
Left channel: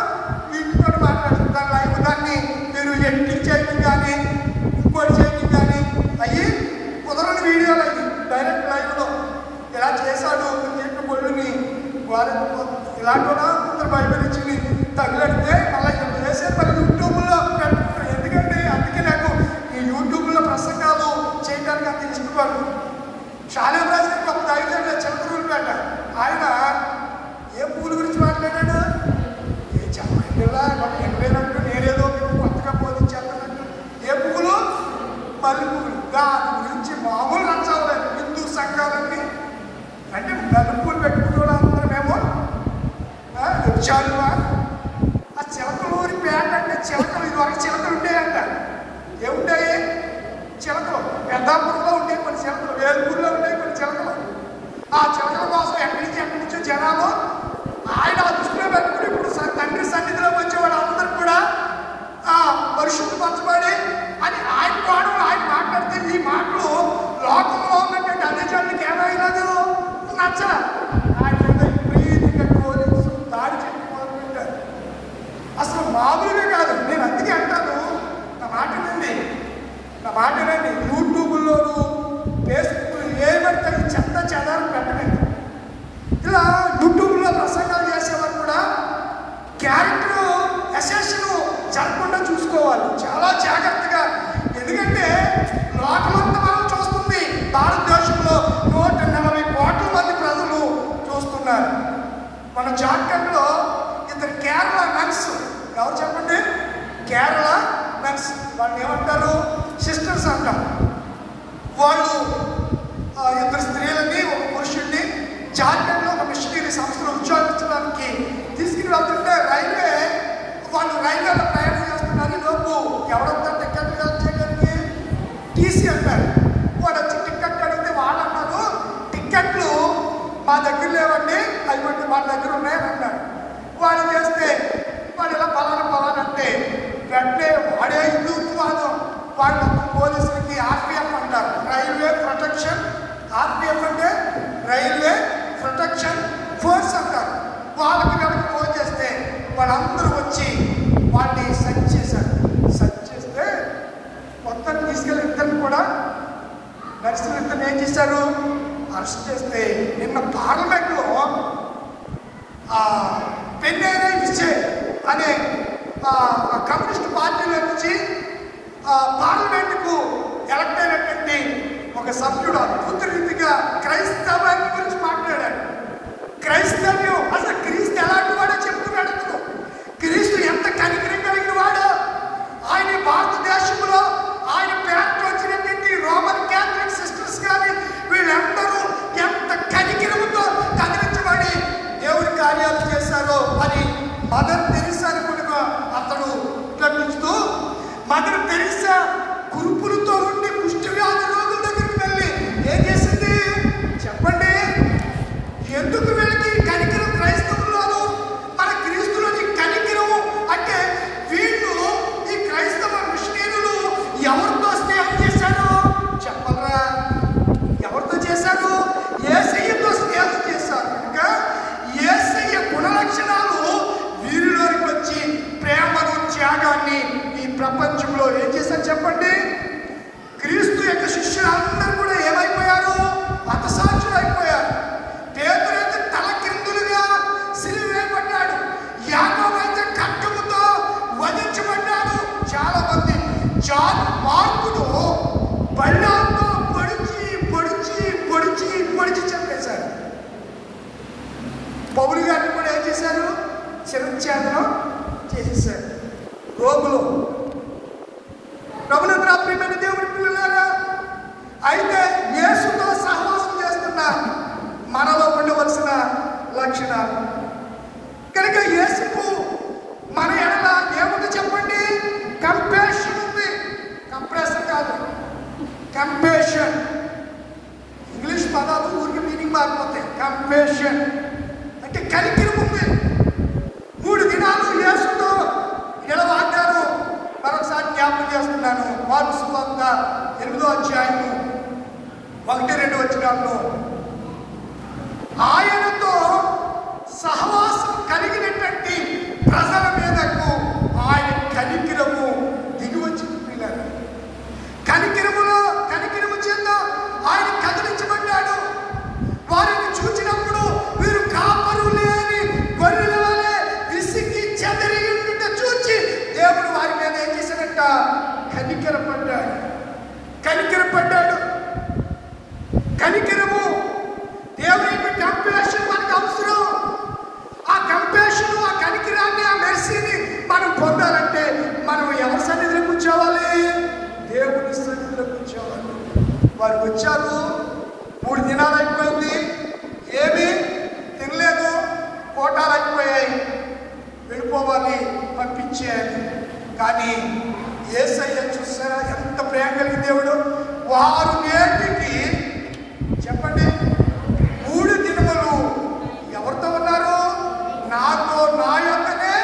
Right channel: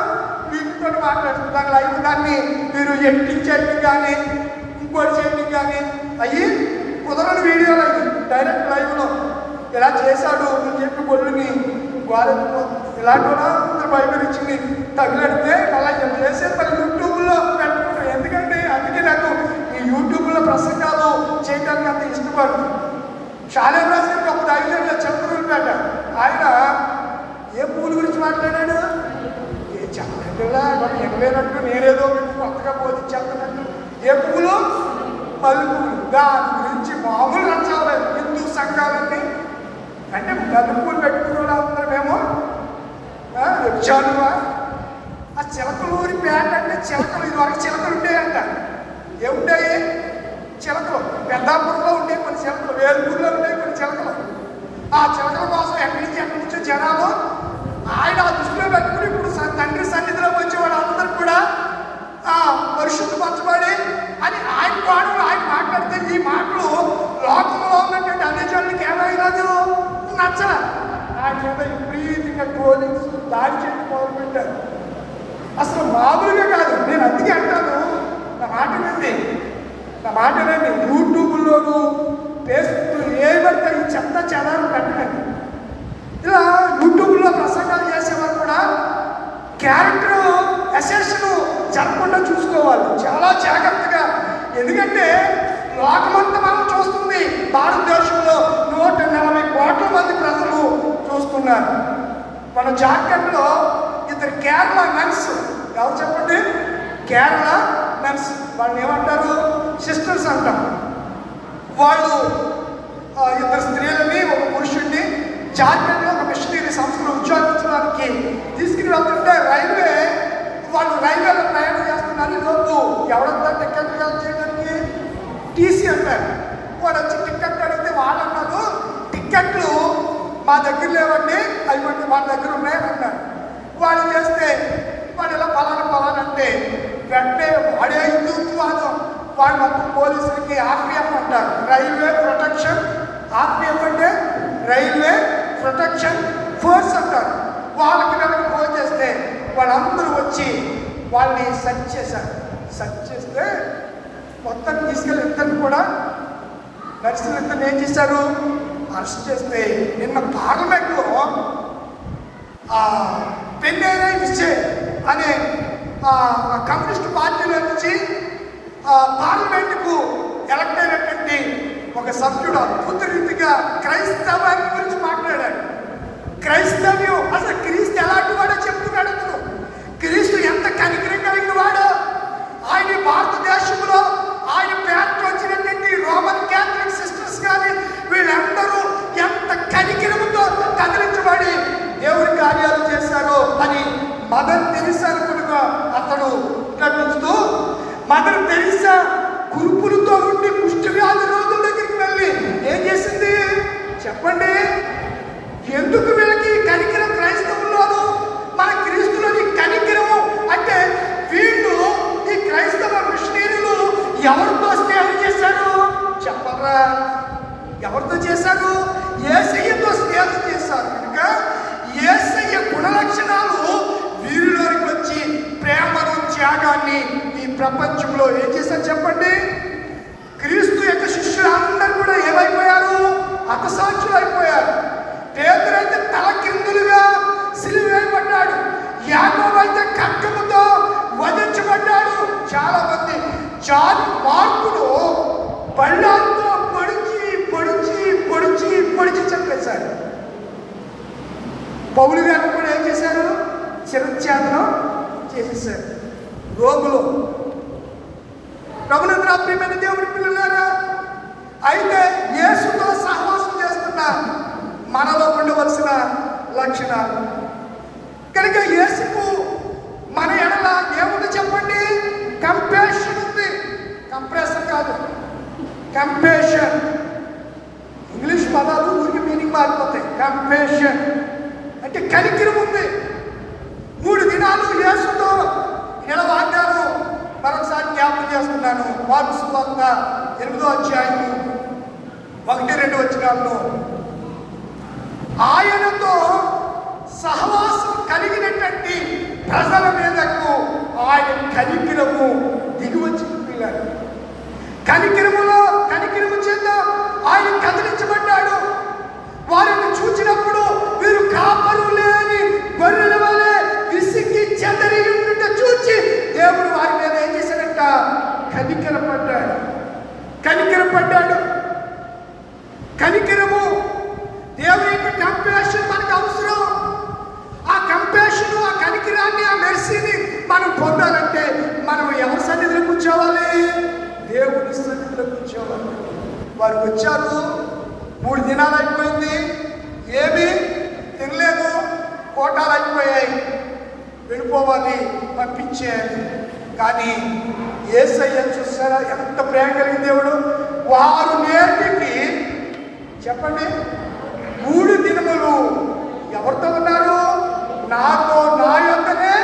వీటితో మాట్లాడుతాడు. లైవ్ దాన్ని మీరు ఎడిటింగ్ చేయడం కానీ ఇంకోటి చేయడం కానీ అయ్యి కుదరని వీడియోలు అది డైరెక్ట్ లైవ్లో ఇలా చేశాడు అని చెప్పి కొడుకుని వారు ఇలాంటి బయట నుంచి తగిలితే అలా చేసే పని యూట్యూబ్లో పెట్టుకుంటారు. ఎందుకంటే అందుకే నాకు ఈ యూట్యూబ్లో ప్రసంగాలు చేయడానికి అంత ఇష్టపడు. చాలా రాజుకి ఒక 5 ఏళ్ళ చెప్పుకుంటాడ. ఆయన ఏ పూల గురించి మాట్లాడాడు? ఏ చెప్పకుండా ఎక్కలేనట్టు నేనేదో కొత్తగా పోతుంది చెప్పనట్టు. ఏ పువ్వులు? మల్లె పువ్వులు. దాని గురించి మామూలు నచ్చాలేదు. హిందూ సంఘాలన్నీ అంటే మల్లె పువ్వులు పెట్టుకుని అందరూ మేము వచ్చానువా. ఆ చిలకలు పేట అంటే చిలకలు, ఇవాళ చిలకలు ఉండేయంట. ఏముంటాయి? చిలకలు పెద్దాపురంలో ఉండే కొన్ని చిలకలు, వేలుపూరులో ఉండే కొన్ని చిలకలు. ఆ చిలకల కోసం ఎక్కడి నుంచి జనాలు ఆయన దృష్టిలో పెట్టుకుని ఇప్పుడు తండ్రి సన్నిధిలోకి వచ్చే వాళ్ళందరూ కూడా పరిశుద్ధపరచబడి అని ఆయన మాట్లాడితే ఈ మాటలు లోకంలో ఉన్నటువంటి అనేజానికి ఏమైనాదు నచ్చరా. ఆయన దాడి చేయడం మొదలుపెట్టారు. అసలు మామూలుగా కాదు. నేను అందుకే అంటాను, నా మాట వినండి. యూట్యూబ్లోను ఫేస్బుక్ ఏ పడితే చెత్త చెదారం పెట్టలేదు. ఇలా యూట్యూబ్లో ప్రసంగాలు చేసేవాళ్ళు క్యారెక్టర్ అసెషన్ జరగకుండా చూసుకోవాలి చాలా జాగ్రత్తగా. ఎందుకంటే లోకమంతా మనం చూస్తుంది, భారతదేశంలో 140 కోట్ల మంది ప్రజలు చూస్తున్నారు. మన జాతకంలో ఇద్దరు కేరళ మెన్స్, ఎవరు చెప్పండి? కేరళ మెన్స్, వాళ్ళని ఏమంటారు? సిస్టర్స్ అంటారు. వాళ్ళు ఇద్దరు స్త్రీలని ఒక పురుషుడిని జాతకంలో ఒక మిషనరీ సంస్థలో ఉద్యోగించడానికి తీసుకుని వెళ్తుంటే వాళ్ళు రైల్వేలో ప్రయాణం చేస్తున్నారు. లోపు ఎవరైనా టికెట్ చేయడానికి టీసీ అంటారు. వాడు వచ్చి టికెట్ అడిగితే వాళ్ళు అన్నారు, టికెట్లు మా దగ్గర లేవండి, అవి వాళ్ళ దగ్గర ఉన్నాయని అన్నారు. వాళ్ళు చేస్తే వాడు ఇలా పలానా అంటే వెంటనే వాడే హిందుత్వాదం. వాడు మొత్తం పోలీసులకి ఆర్పిఎఫ్ అంటారు, రైల్వే ప్రొటెక్షన్. ఆర్పిఎఫ్ అంటే రైల్వే ప్రొటెక్షన్ ఫోర్స్ అంటారు. వాళ్ళకి కనుక ఫోన్ చేస్తే వాళ్ళందరూ వచ్చి వాళ్ళని సెర్చ్ చేశారు. సెర్చ్ చేస్తే మొత్తం తీసుకెళ్ళి ఇద్దరు కూడా నడిచిన ఇద్దరు ఏం చేశారు? అరెస్ట్ చేస్తే నిన్న పార్లమెంట్లో పెన్నెరై విజయ్ అనే కమ్యూనిస్ట్ పార్టీలో నుంచి పార్లమెంట్కు ఎలక్ట్ అయినటువంటి ఒక సభ్యుడు అద్భుత రీతిగా క్రైస్తవాన్ని గురించి మాట్లాడాడు. క్రైస్తవ్యం అసలు క్రీస్తు ఎలాంటి వాడో చెప్తున్నాడు. క్రీస్తు ఎంత కనికరం కలిగిన వాడో, ఆయన భారతదేశంలో ఆయన పేరుకు వచ్చినటువంటి రోమన్ క్యాథలిక్ సిస్టర్స్ కానీ వీళ్ళందరూ ఎంత కనికరంతో కదిలించబడి దేవుడి కార్యాలు చేశారో అని మదర్ తెరీసా కూడా అతను ప్రకటిస్తూ, మదర్ తెరీసా కురుపులతో ఉండి కుష్టి వ్యాధి రోగుల దగ్గరికి వెళ్ళి ఏం చేసింది చెప్పండి? ఎందుకు వీళ్ళకి కనికరం క్రైస్తవుల్లోనూ మన క్రీస్తులోని కనికరము అంటే వీళ్ళు ఈ క్రైస్తవ మిషనరీలు ఎవరితో స్నేహం చేశారు చెప్పరా? ఎవరితో చేశారు? యేసయ్యతో స్నేహం చేశారు. ఇంకా యేసయ్య గుణలక్షణాలు వీరిలోకి వచ్చి ప్రేమను త్యాగాన్ని ఈ ప్రపంచంలో ఏం చేశారు చెప్పండి? క్రీస్తు యొక్క శిష్యులందరూ కూడా ఏమైపోయారు? హతసాక్షులు అయిపోయారు. పేతురు అయితే తల కిందులుగా సిలువేయబడ్డాడు. యాకోబు అయితే ఖడ్గముతో వధించబడ్డాడు. చాలా మంది జాన్ మార్కును బళ్ళాలతో పొడిచి చంపేశారు. పౌలు గారిని కూడా ఏం చేశారు? చిరఛేదనం చేసేశారు. రోగులు ప్రభుల ప్రియమైన దేవుడి పిల్లలారా, అయితే యేసుతో సహవాసం చేస్తున్న మనలో ఉండవలసిన లక్షణాలు కనుక యేసుకు మన ఎడల ఏమిటి చెప్పండి? కంపాషన్ ఉంది. కంప్రెషన్ కాదు, కంపాషన్. ఇంగ్లీష్ పదాలు ఊరికి మీనింగ్ మారిపోతాయి. కంపాషన్ అంటే కనికరం ఉంది. 3 దినాలు యేసుతో నిలవాగారు. మరొకసారి జ్ఞాపకం చేస్తున్నాను. మార్కు సువార్త 8వ అధ్యాయము 1-2 వచనాల్లో ఆయనతో సహవాసం కలిగినటువంటి ప్రజల మీదకు ఆయన కనికరము దిగివచ్చి పిల్లాడు. కనికరము చేత ఆయన కదిలించబడ్డాడు. వారిని చూచినప్పుడు వీరు కాపరు లేని గొర్రెల వలె విసిగి చెదరి చూచి దేవుడు వారి మీద ఏం చేశాడంట? కనికరపడ్డాడు. కనికరము దేవుని యొక్క కంపాషన్ మనకు అవసరం. ఆ కంపాషన్, ఆ కనికరాన్ని, ఆ మెర్సీని మనం పొందాలంటే మనం ఎవరి సన్నిధిలో కూర్చోవాలి? దేవుని సన్నిధిలో కూర్చోవాలి. వారు వచ్చారు, 3 దినాలు అయిపోయింది, ఏమీ తినలేదు, కోటాలు అయిపోయాయి, వెళ్ళిపోవాలి, పంపించేయాలి. కానీ యేసయ్య చూసారా ఎంత ప్రేమ కలిగిన దేవుడు. వారు నేటికి చెప్పండి 3 దినములు ఎవరితో ఉన్నారు? నాతో, నా యొక్కనే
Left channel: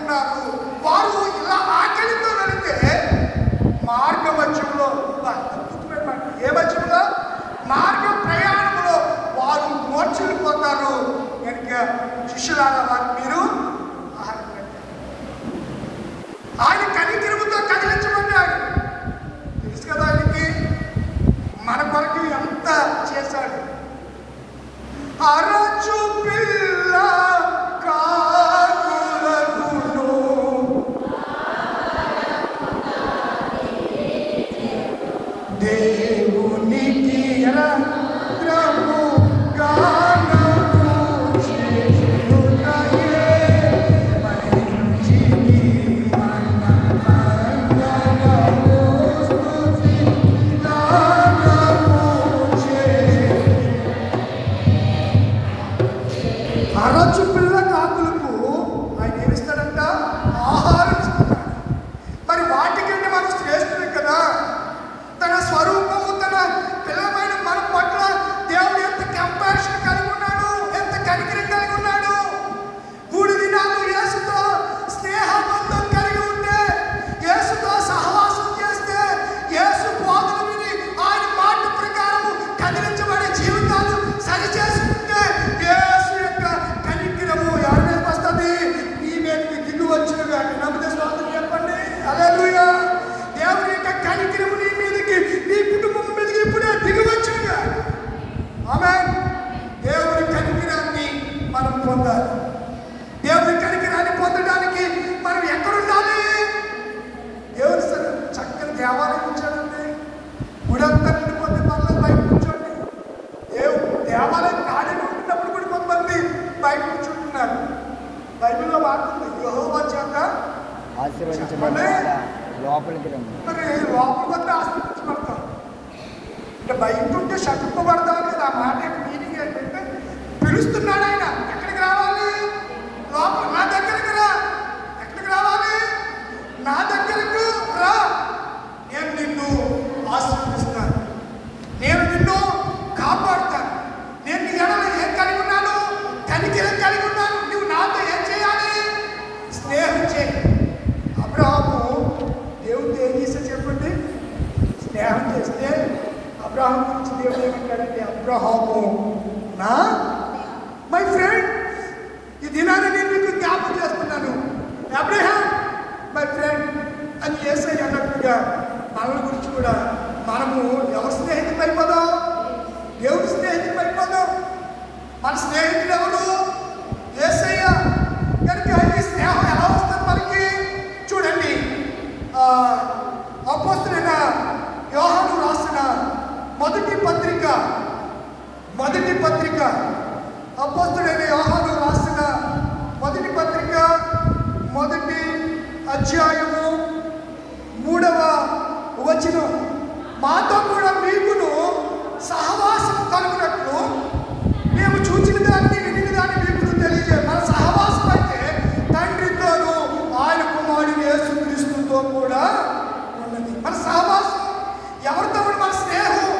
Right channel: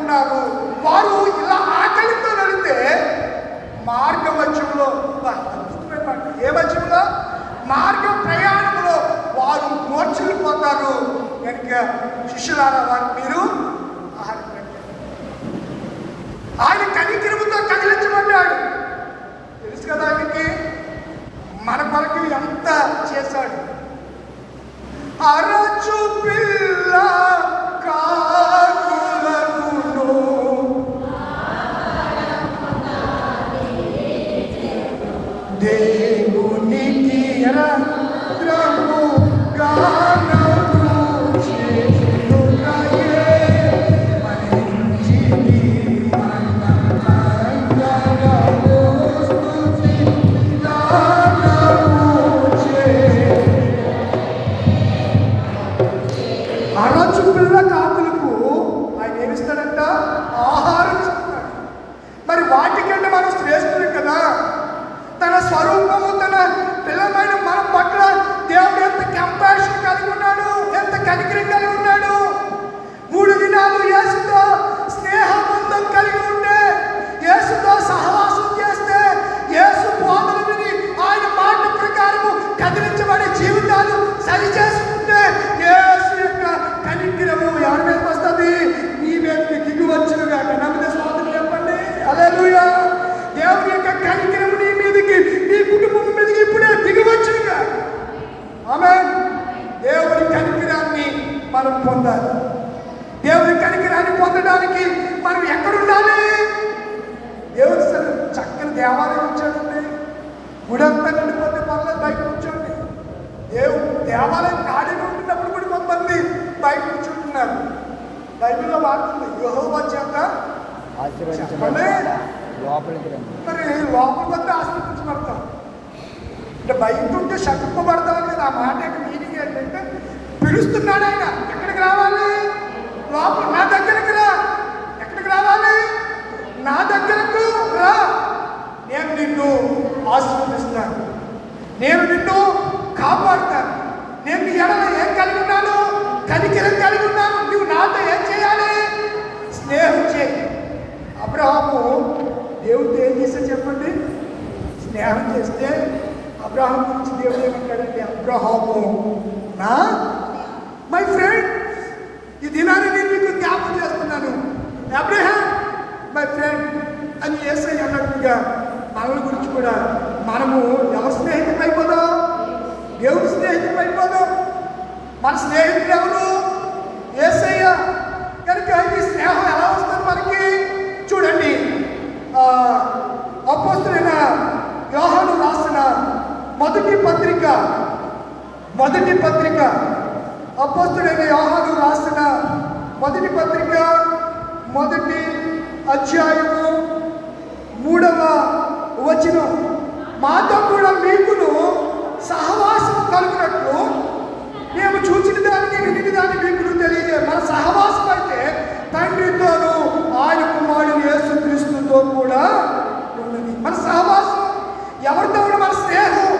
ఉన్నారు. వారు ఇలా ఆకలితో వెళితే మార్గ మధ్యంలో, ఏ మధ్యంలో? మార్గ ప్రయాణంలో వారు మోర్చుకుపోతారు. కనుక శిష్యులారా వారు మీరు ఆయన కనికరముతో కదిలించబడ్డాడు. తెలుసు కదా ఆయనకి మన కొరకు ఎంత చేశాడు. అరచు పిల్ల కాదు బైబిల్లో వాడుతుంది యెహోవా చేత చెప్పండి. మరి లోపలికి వస్తే ఆశీర్వదించబడతాం అంటే బయట ఉంటే శక్తిపడతాం మీద ఆ మాట మీనింగ్ ఏంటంటే పిలుస్తున్నాడు ఆయన. ఎక్కడికి రావాలి? లోపల నా దగ్గరికి రా. ఎక్కడికి రావాలి? నా దగ్గరకు రా. నేను నిన్ను ఆశీర్వదిస్తాను, నేను నిన్ను కాపాడుతాను, నేను నీ ఎడల ఏం కలిగి ఉన్నాను? కనికరం కలిగి ఉన్నాను. నువ్వు నాతో ఏం చేయాలి? స్నేహం చేయి. అబ్రహాము దేవుడితో ఏం చేస్తే చెప్పండి? స్నేహం చేస్తే అబ్రహాం గురించి దేవుడు ఏమంటాడంటే, అబ్రహాము నా మై ఫ్రెండ్, ఈ దినాన్ని నేను మీకు జ్ఞాపకం చేస్తున్నాను, అబ్రహాం మై ఫ్రెండ్ అని యేసయ్య అన్నట్టుగా మనల గురించి కూడా మనము ఎవరి స్నేహితులు అయిపోదాం? దేవుడి స్నేహితులు అయిపోదాం. మన స్నేహితులు ఎవరు? యేసయ్య. కనుక ఈ స్నేహం ఎలా వస్తుంది మనకి? చూడండి, అపోస్తలుడైన యోహాను రాసిన మొదటి పత్రిక అపోస్తలుడైన యోహాను రాసిన మొదటి పత్రిక మొదటి అధ్యాయము 3వ వచనం, మాతో కూడా మీకును సహవాసం కలుగునట్లు మేము చూచిన దాన్ని విని దాన్ని మీకు తెలియజే. మన సహవాసం అంటే తండ్రితోనూ ఆయన కుమారుడు యేసుక్రీస్తుతో కూడా ఉన్నది. మన సహవాసం ఎవరితో ఉన్న? మన స్నేహం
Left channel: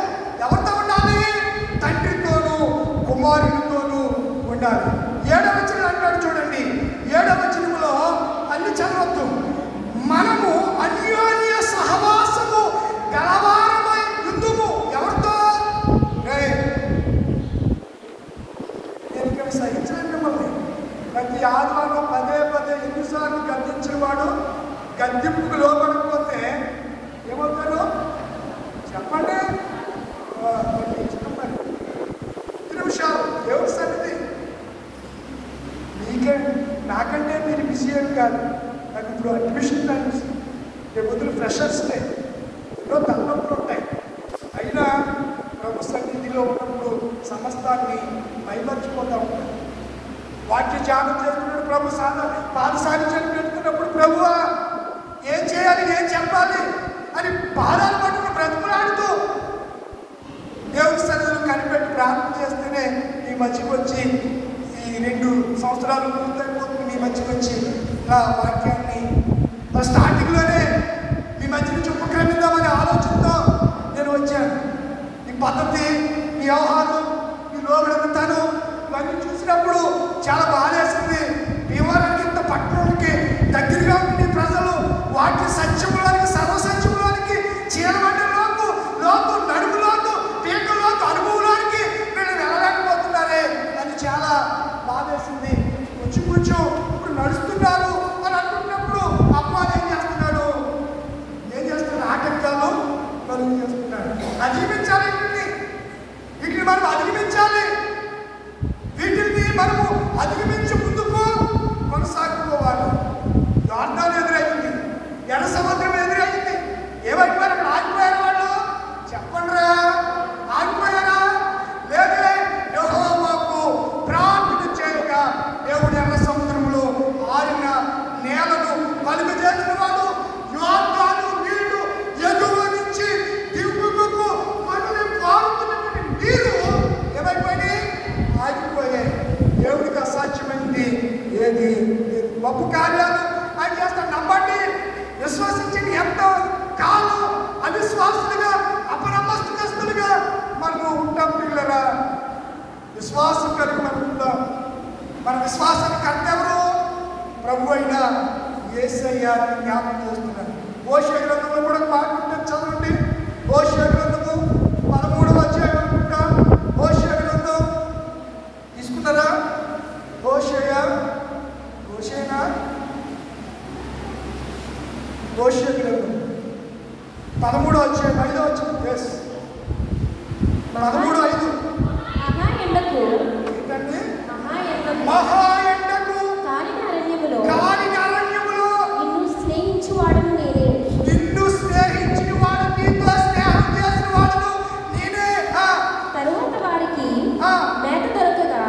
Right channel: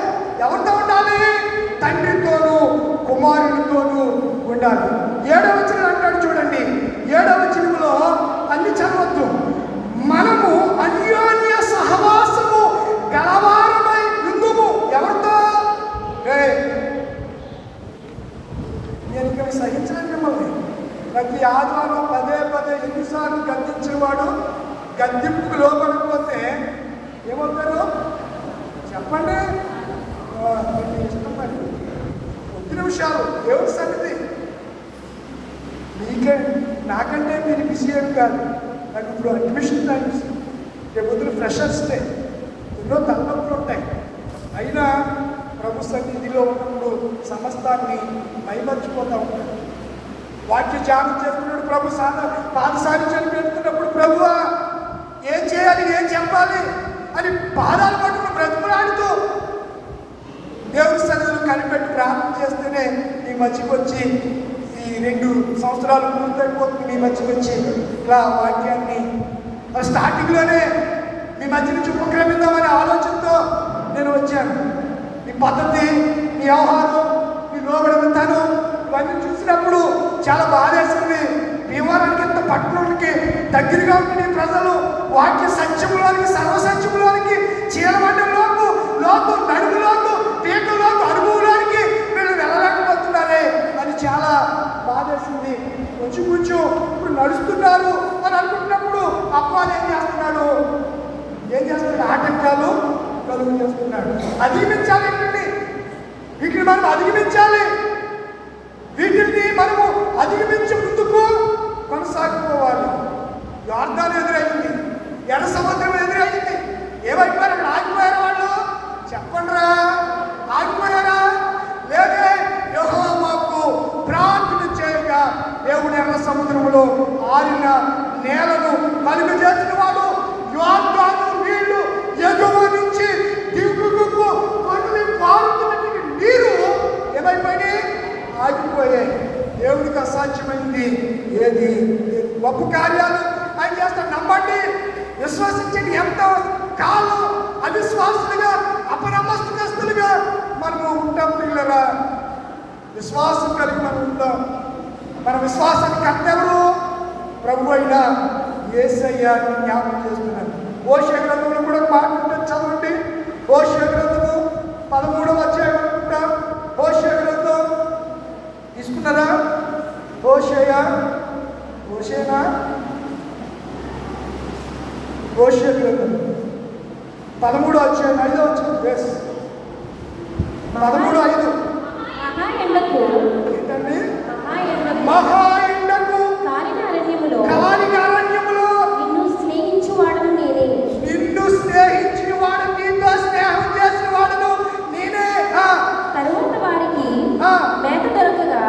ఎవరితో ఉండాలి? తండ్రితోనూ కుమారుడితోనూ ఉండాలి. 7వ వచనం అంటాడు చూడండి. 7వ వచనంలో అన్ని చదవద్దు. మనము అన్యోన్య సహవాసము గలవారమై ఉందుము. ఎవరితో? నేను ఇక్కడ సహించలేను మిమ్మల్ని. ప్రతి ఆదివారం పదే ఎన్నిసార్లు గద్దించేవాడు గద్దింపుకు లోపడిపోతే ఏమవుతారు చెప్పండి? 2 నిమిషాలు దేవుడి సన్నిధి. నాకంటే మీరు బిజీ ఏం కాదు. నాకు ఇప్పుడు అడ్మిషన్ అనిపిస్తుంది. రేపు ఫ్రెషర్స్ డే, ఎన్నో తలనొప్పులు ఉంటాయి. అయినా ప్రభు సన్నిధిలో ఉన్నప్పుడు సమస్తాన్ని మైమర్చిపోతూ ఉంటాయి. వాక్య ధ్యానం చేస్తున్నప్పుడు ప్రభు పాదసారి పెడుతున్నప్పుడు ప్రభువా ఏం చేయాలి, ఏం చెప్పాలి అని పాదాలు పట్టుకుని బ్రతుకులాడుతూ దేవుడి సన్నిధిలో కనిపెట్టి ప్రార్థన చేస్తేనే మీ మధ్యకి వచ్చి ఈ 2 సంవత్సరాలు పూర్తయిపోతుంది. మీ మధ్యకి వచ్చి ఇలా వాక్యాన్ని స్టార్టింగ్లోనే మీ మధ్య నుంచి ఉపక్రమిద్దామనే ఆలోచనతో నేను వచ్చాను. మీ పద్ధతి, మీ ఆహారం, మీ లోబడతాను ఇవన్నీ చూసినప్పుడు చాలా బాధేసింది. భీమవరానికి ఇంత పట్టణానికి దగ్గరగా ఉండే ప్రజలు వాక్య సత్యంలోనికి, సర్వసత్యంలోనికి, చీలబడ్డలోకి, నడుములోకి, పీకలోకి, అనుభవంలోనికి వీళ్ళు వెళ్ళలేకపోతున్నారే అని చాలా బాధేసింది. కొంచెం ఇప్పుడు నడుస్తున్నారు అని అనుకుంటున్నప్పుడు అప్పాలు ఏం చేస్తున్నాడు? ఆటంకాలు కలుగు చేస్తున్నాడు. అధిగమించాలి. వీటిని మనం అధిగమించాలి. వీటిని మనము అధిగమించి ముందుకు కొనసాగిపోవాలి. యోర్దాను ఎదురైంది, ఎర్ర సముద్రం ఎదురైంది. ఏమంటే మనం ఆగిపోయారు వాళ్ళు? చెప్పండి రా, ఆగిపోయారా? లేదే యెహోవాకు ప్రార్థన చేయగా దేవుడు ఎర్ర సముద్రంలో ఆరిన నేలను కలుగజేసిన వాడు. యోర్దాను నీళ్లు ఎగువ నుంచి దిగువకు పారుతున్నటువంటి నీరు ఏమైపోయి ఆగిపోయాయి. దేవుడికి అసాధ్యమైంది ఏది? గొప్ప కార్యాలు ఆయన చేస్తాడు. నమ్మండి, విశ్వసించండి. ఎంతో కాలం అవిశ్వాసులుగా, అపనమ్మస్తులుగా మనము ఉంటాం. పిల్లరా, విశ్వాసం కలిగి మనం ఉంటాం. మన విశ్వాసాన్ని కట్టెవరు? ప్రభు అయిన యేసయ్య జ్ఞాపకం చేస్తున్నారు. హోషేయ గ్రంథంలో కూడా మాట్లాడుతూ చదవండి. హోషేయ గ్రంథము 13వ అధ్యాయం అనుకుంటా. హోషేయ గ్రంథం తీసుకున్నారా? హోషేయ 13వ అధ్యాయం 5వ వచనం. 13:5. ఏంటండి? మహా ఎండకు కాలిన అరణ్యములో నిన్ను స్నేహించిన వాడు నీతో స్నేహం చేసిన వాడు నేనే. తరువాత వారికి మేత దొరకగా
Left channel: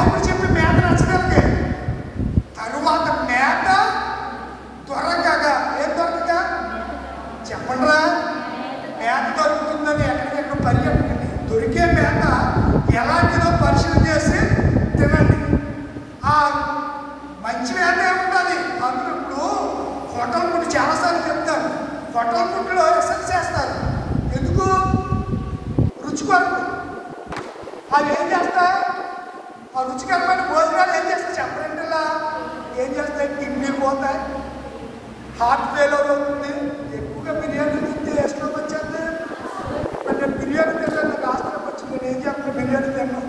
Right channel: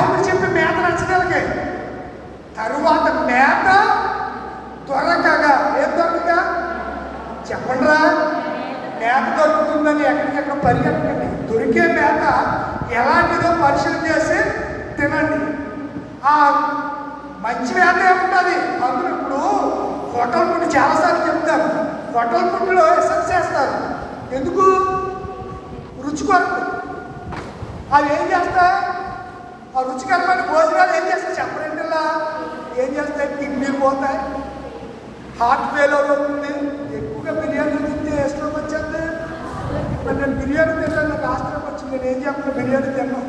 సేవకుడు చెప్పి మేత నచ్చగలిగే తరువాత మేత దొరకగా ఏం దొరకగా చెప్పండిరా, మేత దొరుకుతుందని ఎక్కడికెక్కడ పరిగెట్టండి. దొరికే మేత ఎలాంటిదో పరిశీలన చేసి తినండి. ఆ మంచి మేత ఏముంటుంది అందులో. ఇప్పుడు హోటల్ ఫుడ్ చాలాసార్లు చెప్తారు, హోటల్ ఫుడ్లో ఎసెన్స్ చేస్తారు. ఎందుకు? రుచి కొరకు. అవి ఏం చేస్తాయి? ఆ రుచికరమైన భోజనాలు ఏం చేస్తాయి చెప్పండిలా? ఏం చేస్తాయి? కిడ్నీ పోతాయి, హార్ట్ ఫెయిల్యూర్ అవుతుంది. ఎక్కువగా బిర్యానీ తింటే స్ట్రోక్ వచ్చేది. నేను బిర్యానీ తిన్నాను, నాకు హాస్పిటల్ వచ్చింది. నేను ఏం చేస్తాను? బిర్యానీ తిన్నాను.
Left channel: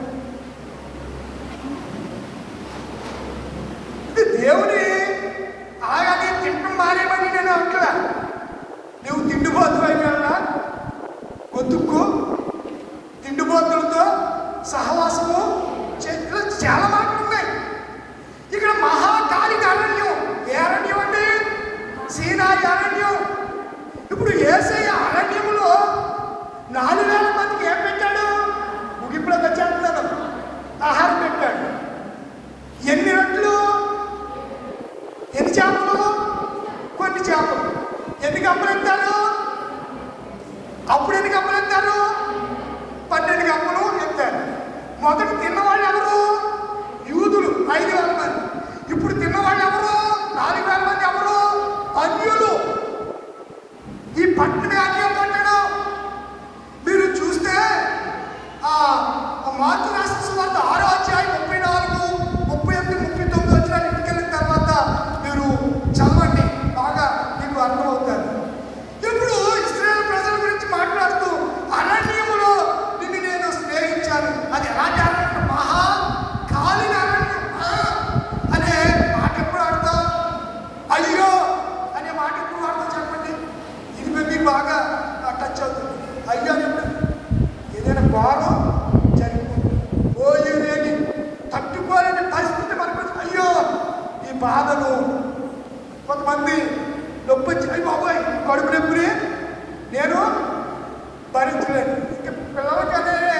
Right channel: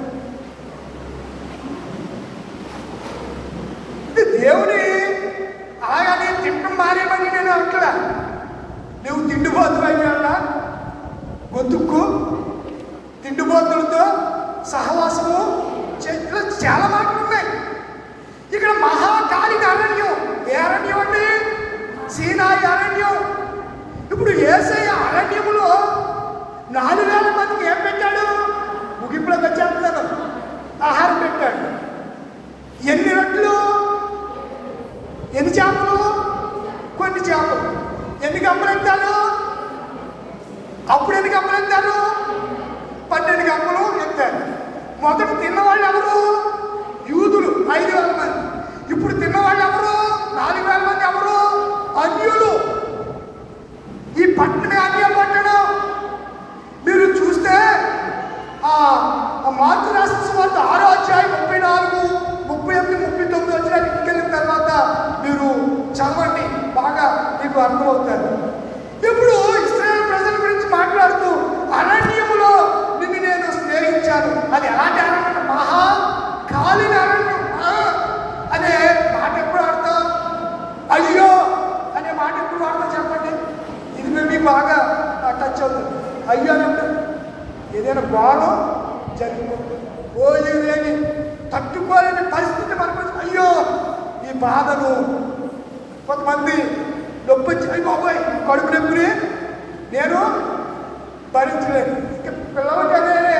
ఇది దేవుని అలాగనే తింటం మారేమని నేను అంటున్నా. నువ్వు తిండిపోతున్నా బతుక్కు, తిండిపోతులతో సహవాసము చెట్లు చాలా మాటలు ఉన్నాయి. ఇక్కడ మహాకాళిక అరణ్యం. ఏ అరణ్యం అండి? సీనాయి అరణ్యం. ఇప్పుడు యేసయ్య అరణ్యములో 4,000 మందికి ఏం పెట్టాడు? ముగింపులోకి వచ్చాడు కదా, ఆహారం పెట్టాడు. ఎన్ని రెట్లు? ఎన్ని చేపలు? కొన్ని చేపలు. ఎన్ని గంపలు ఎత్తాడు? అప్పుడు ఎన్ని గంపలు ఎత్తాడు? 12 గంపలు ఎత్తాడు. మొదట తిన్నవాళ్ళు ఎవరు? యూదులు 5,000 మంది. ఇప్పుడు తిన్నవాళ్ళు ఎవరు? 4,000 మంది. ఎవరు? అన్యులు. ఈ పట్టణ అన్య పట్టణం మీరు చూస్తే మార్పు రాసిన సువార్త 6వ అధ్యాయం 34, 38, 39 వచ్చిన ఇంటికెళ్ళిన తర్వాత మీరు చదవండి, బాగా మీకు అర్థమవుతారు. ఇప్పుడు ఇశ్రాయేలు ప్రజల గురించి మాట్లాడుతూ అరణ్యములో నిన్ను నేను స్నేహించాను. అది ఎలాంటి అరణ్యం? మహాకాళిక అరణ్యం అనే మాట ఎప్పుడు ఆడతాం? అయ్యో అనే మాట ఎప్పుడు ఆడతాం చెప్పండి? ఇది మీకు బాగా టచ్ అవుతుంది. అయ్యో అంటే ఏదైనా ఘోరం జరిగిపోతుంది, పోయేది తట్టుకోలేని పరిస్థితి మనకు. అయ్యో ఈ బాధను. కొంతమంది నొప్పి వచ్చి బాబాయ్ కడుపు నొప్పిని నేను భరించలేను. పిల్లలకనే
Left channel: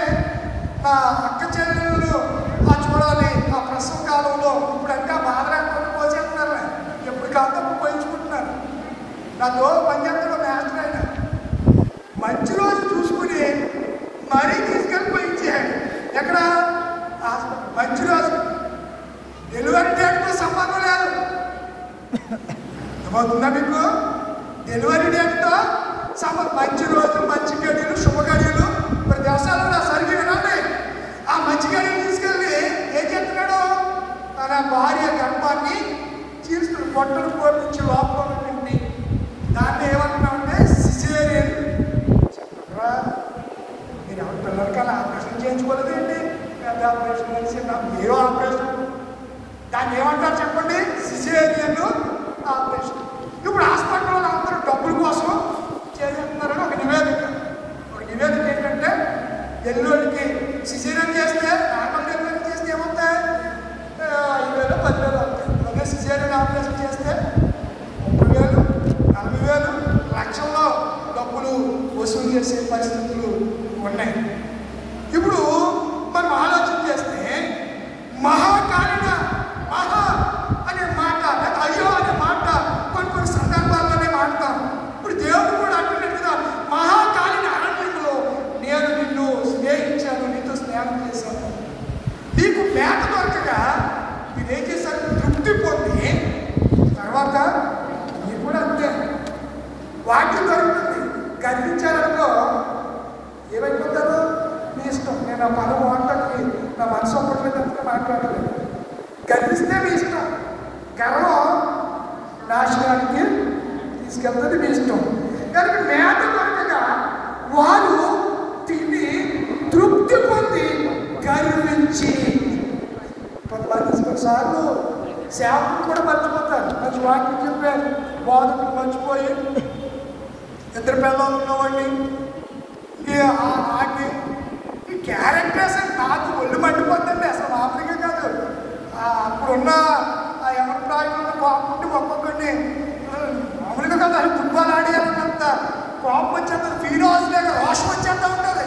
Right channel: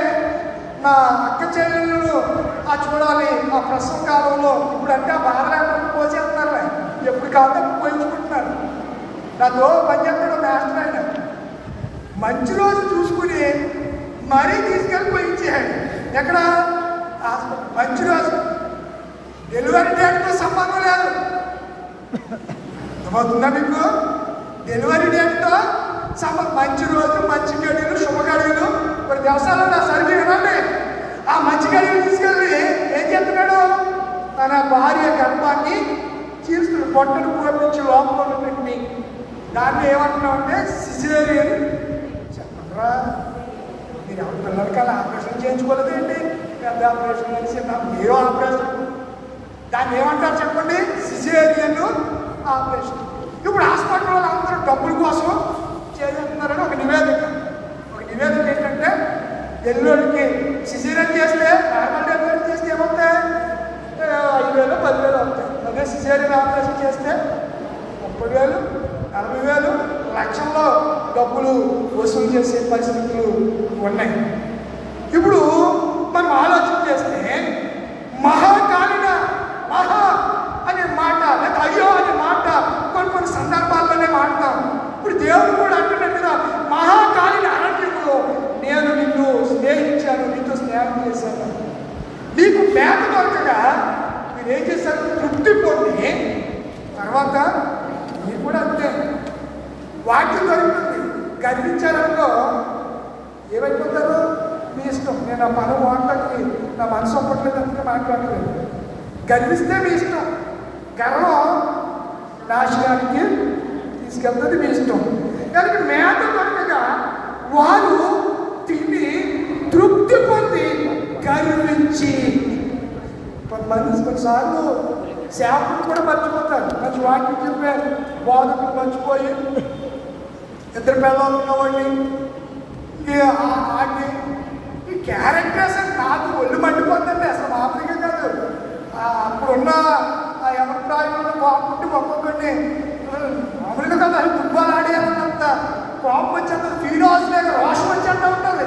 నా అక్క చెల్లెళ్ళు చూడాలి ఆ ప్రసవ కాలంలో. ఇప్పుడంటే ఆ బాధ లేకుండా పోసేస్తున్నారు, ఎప్పుడు కాదు పోయించుకుంటున్నారు. నాతో పనిచేస్తున్న మాస్టర్ ఆయన మంచి రోజు చూసుకుని మరీ తీసుకెళ్ళి పోయించాడు. ఎక్కడ? మంచి రోజు. డెలివరీ డేట్తో సంబంధం లేదు. ఏమవుతుందా మీకు? డెలివరీ డేట్తో సంబంధం. మంచి రోజు, మంచి గడియలు, శుభగడియలు. మరి వ్యవసాయంలో నా సర్వీ వినండి. ఆ మంచి గడియలు తీసుకెళ్ళి ఏం చేస్తున్నాడు? తన భార్య గర్భాన్ని చీల్చుకుని పొట్టను పోపించి లోపల పెట్టి దాన్ని ఏమంటున్నామంటే సిజేరియన్. చెప్పరా మీరు పిల్లలకల్లా ఆపరేషన్ చేయించుకోలేదండి? ఆపరేషన్ కలిసి ఏ ఆపరేషన్ దాన్ని ఏమంటారు చెప్పండి? Caesarean operation. ఇప్పుడు హాస్పిటల్ వాళ్ళు అందరూ డబ్బుల కోసం చేస్తున్నారని ఒక నివేదిక. ఏంటంటే డెలివరీకి సిజేరియన్ చేస్తే, నార్మల్ డెలివరీ చేస్తే ఏమవుతాయి? 5,000, 10,000 అవుతాయి. అదే సిజేరియన్ ఆపరేషన్ చేస్తే 30,000, 40,000, లక్షల్లో డబ్బులు వసూలు చేసే పరిస్థితులు ఉన్నాయి. ఇప్పుడు మనం ఆలోచన చేస్తే మహాకాళిక, మహా అనే మాట, అయ్యో అనే మాట కొన్ని సందర్భాల్లోనే వాడతాం. ఇప్పుడు దేవుడు కూడా అంటున్నట్టుగా మహాకాళిక అరణ్యంలో నేను నిన్ను స్నేహించాను, నీతో స్నేహం చేశాను. నీకు మేత దొరకగా నేనేం చేశాను? తృప్తి పొంది తర్వాత నీకు కూడా అంతే వాక్యం దొరుకుతుంది. గర్వించాలనుకో ఏమైపోతారు? మీ ఇష్టం. నేను ఆ పని మాట్లాడి నా మనసు ఒక్కట్లేదంతా మాట్లాడలేదు. గర్విస్తే మీ ఇష్టం. గర్వం నాశనానికి తీసుకెళ్తుంది, మీ ఇష్టం. కానీ మేత దొరకగా వారు తిని తృప్తి పొంది గర్వించి. కొన్నిసార్లు సేవకులు కూడా మర్చిపోతారు. మంచి వాక్యం చెప్పారు, బాధకులు మర్చిపోయి ఇద్దరు పిల్లలు ఉన్నవాడిని ఈ క్యారెక్టర్స్ నాకు ఒళ్ళు మండిపోతుంది. అసలు మామూలుగా కాదు. అప్పుడున్న ఎవరి కోపం ఒక్కొక్కడిని మామూలుగా కదా దుబ్బాలాడేయాలంత కోపం వచ్చేంత ఫీరోజ్ లేక రోషం వచ్చేంత ఉంటుంది.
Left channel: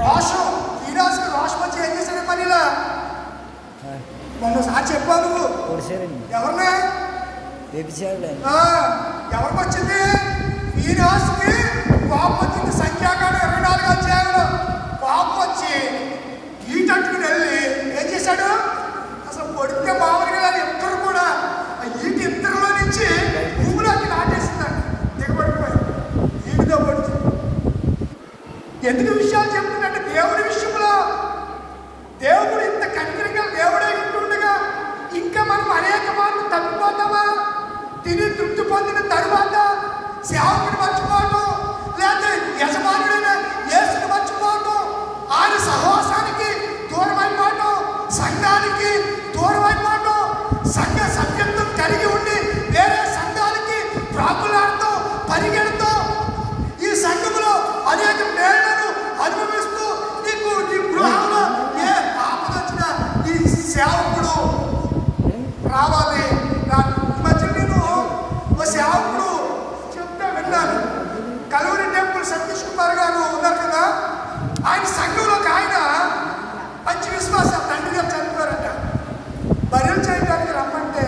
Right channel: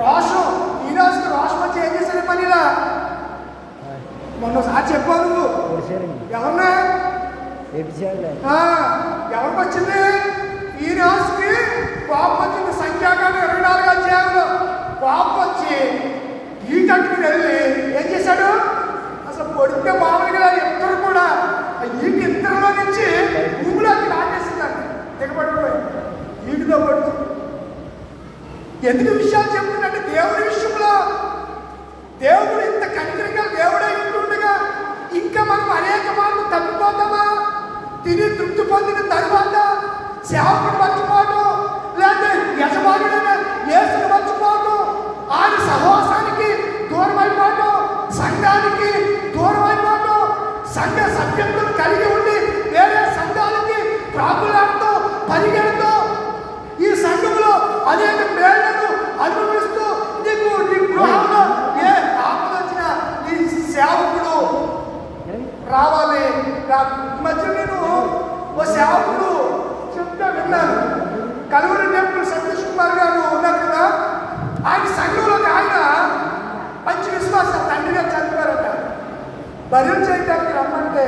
రోషం ఫీరోజ్కి రోషం వచ్చి ఏం చేసేది? పనిలా మొన్నసారి చెప్పాను నువ్వు ఎవరినా ఎవరికి వచ్చింది? ఈ రోజుకి కోపం వచ్చింది. సంఖ్యాకాండం 24 అధ్యాయంలో కోపం వచ్చి ఈటట్టుకుని వెళ్ళి ఏం చేశాడు? అసలు కొడితే మామూలుగా ఇద్దరు కూడా ఈటి ఇద్దరులో నుంచి భూమిలోకి నాటేసిందండి. దిగబడిపోయి ఈటితో పడుతుంది. ఎందుకు విషయాలు చెప్తుందంటే దేవుడి విషయంలో దేవుడు ఇంత కంటిగా దేవుడే ఉంటుండగా ఇంకా మనం అనేక మార్లు తగ్గిపోతామా? తిని తృప్తి పొందిన తరువాత సేవకుడు మర్చిపోవడం, లేకపోతే యజమానుడైన యేసుని మర్చిపోవడం, ఆయన సహవాసానికి దూరం అయిపోవడం, సంఘానికి దూరం అయిపోవడం, సంఘ సభ్యత్వం కలిగి ఉండి వేరే సంఘాలకి ప్రాకులాడుతూ పరిగెడుతూ ఈ సంఘంలో అనేక ప్రేరణను అనుభవిస్తూ నీకు నీ గృహంలో ఏ ఆపదొచ్చినా ఈ సేవకుడు రావాలి. మధ్య నేను ఓ సేవకుడు చెప్తే విన్నాను. కలవరి టెంపుల్ సతీష్ కుమార్ గారు ఉన్నారు కదా, ఆయన సంఘంలోకి ఆయన మంచి విశ్వాసం తండ్రి గారు చనిపోయారట. బర్రెలు చేయడానికి రమ్మంటే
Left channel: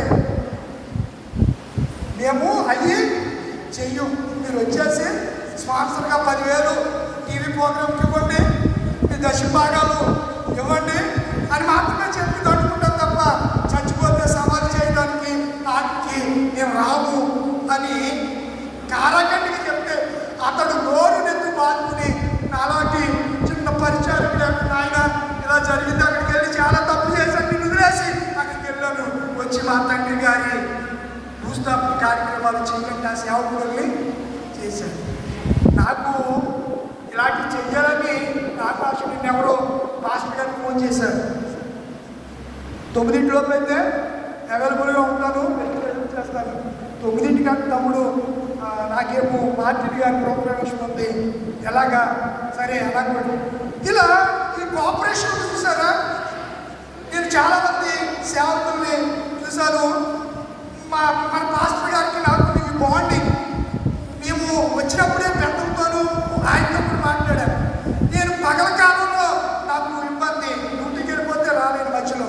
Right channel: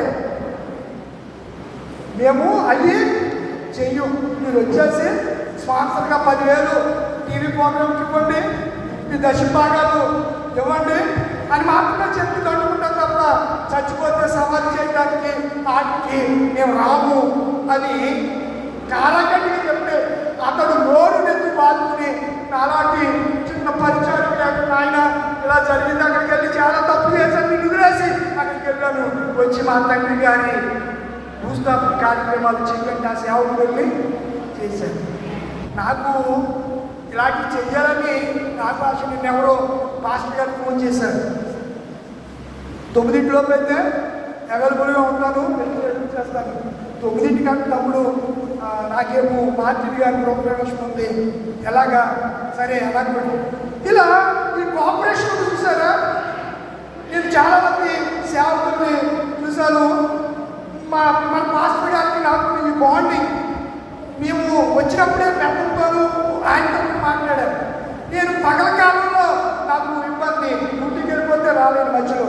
మేము అయ్యి చెయ్యం, మీరు వచ్చేసి స్పాన్సర్గా 10,000 టీవీ ప్రోగ్రామ్కి ఇవ్వండి, మీ దశభాగాలు ఇవ్వండి అని మాత్రమే చెప్పి తట్టుకుంటాం తప్ప చచ్చిపోతే సమాధి చేయడానికి వాటికి మేము రాము అని కారాగంటికి చెప్తే అతడు నోరు నెత్తి బాదుకుని అలాంటి చిన్న పరిచయం ఆయన ఇలా జరిగింది, అక్కడికి వెళ్ళి చాలా తప్పు చేశాను, నిద్రేసి అక్కడికి వెళ్ళాను. వచ్చి మా తండ్రి గారి భూస్థాపన కార్యక్రమాలు చేయండి ఆ సేవకు వెళ్ళి చేశాను. నాకు ఇలాంటివి చెయ్యాలని నాకు అసలు ఎవరో పాస్టర్ గారు ఫోన్ చేశారు. 9 అయితే అవైలబుల్గా ఉంటాను, చేస్తాను. 9 తమ్ముడు నాకేమో మార్టిన్ గారి ప్రోగ్రామేషన్ ఉంది, ఎలాగా సరే అలాగే ఇలా ఈ కోఆపరేషన్ చూసారా. నేను చాలామంది సేవకుల్ని చూశాను. మా పాస్టర్ గారికి నాకు ఈ బాండింగ్, మేము వచ్చినప్పుడే పెద్దలతోనూ ఆయనతో మాట్లాడారు. నేను పగల కాలంలో నాకు ఇబ్బంది, డ్యూటీకి వెళ్ళిపోతే రాలేను మధ్యలో,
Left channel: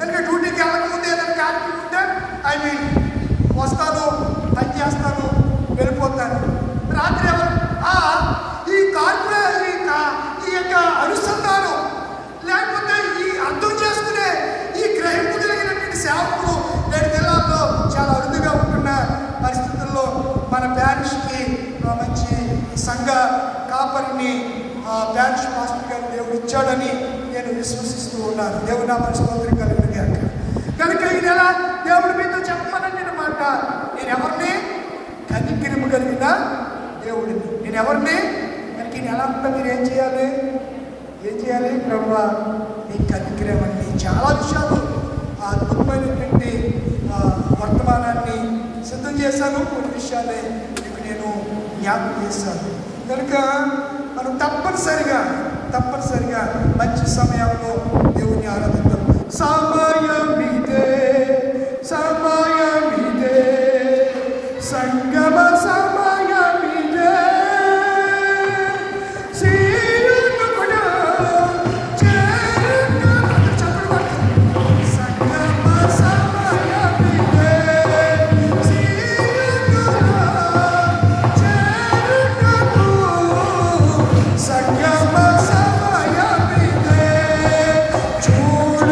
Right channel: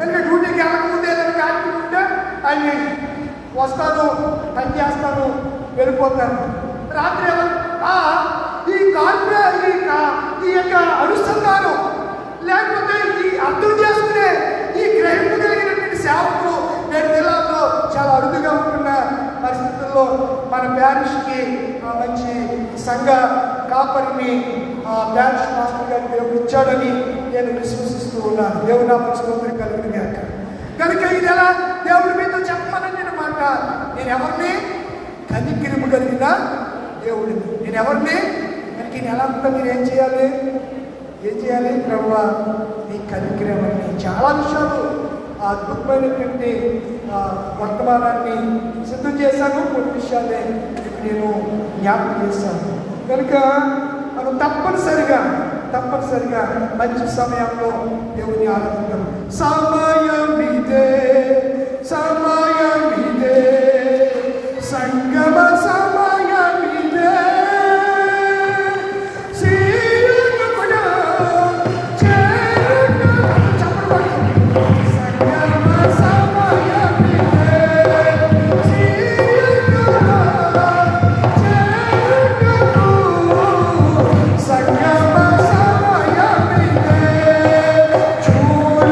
ఎందుకంటే డ్యూటీకి వెళ్ళకముందే ఏదైనా కార్యక్రమం ఉంటే అవి వస్తాను, పని చేస్తాను, వెళ్ళిపోతాను. రాత్రి ఈ ఈ యొక్క అనుసంధానం లేకపోతే ఈ అర్థం చేసుకునే ఈ గ్రహింపు కలిగినటువంటి సేవకులు నేడు జిల్లాలో చాలా అరుదుగా ఉంటున్న పరిస్థితుల్లో మన ప్యారిష్కి మంచి సంఘ కాపరిని ప్యారిష్ మాస్టర్ గారు దేవుడు ఇచ్చాడని నేను విశ్వసిస్తూ ఉన్నాను. దేవుడు నా పరిస్థితులు కలిగింది అంట కనుక ఇది ఎలా దేవుడి మీతో చెప్పాలని మాట. నేను ఎవరిని కనికిరిమి కలిగిన దేవుడిని, నేను ఎవరిని మనకి ఎలా ఉంటే మీరు ఏం చేయాలి ప్రభువా నీ కనికిరమని. చాలా విషయాలు అద్భుతమైనటువంటి వర్తమానాన్ని సిద్ధం చేశాను. కొన్ని విషయాలే నేను జ్ఞాపకం చేశాను. కనుక మనం తప్పనిసరిగా మంచి సమయంలో దేవుని ఆరాధిద్దాం. సమయమిదే సంగమ సమయమిదే చూడు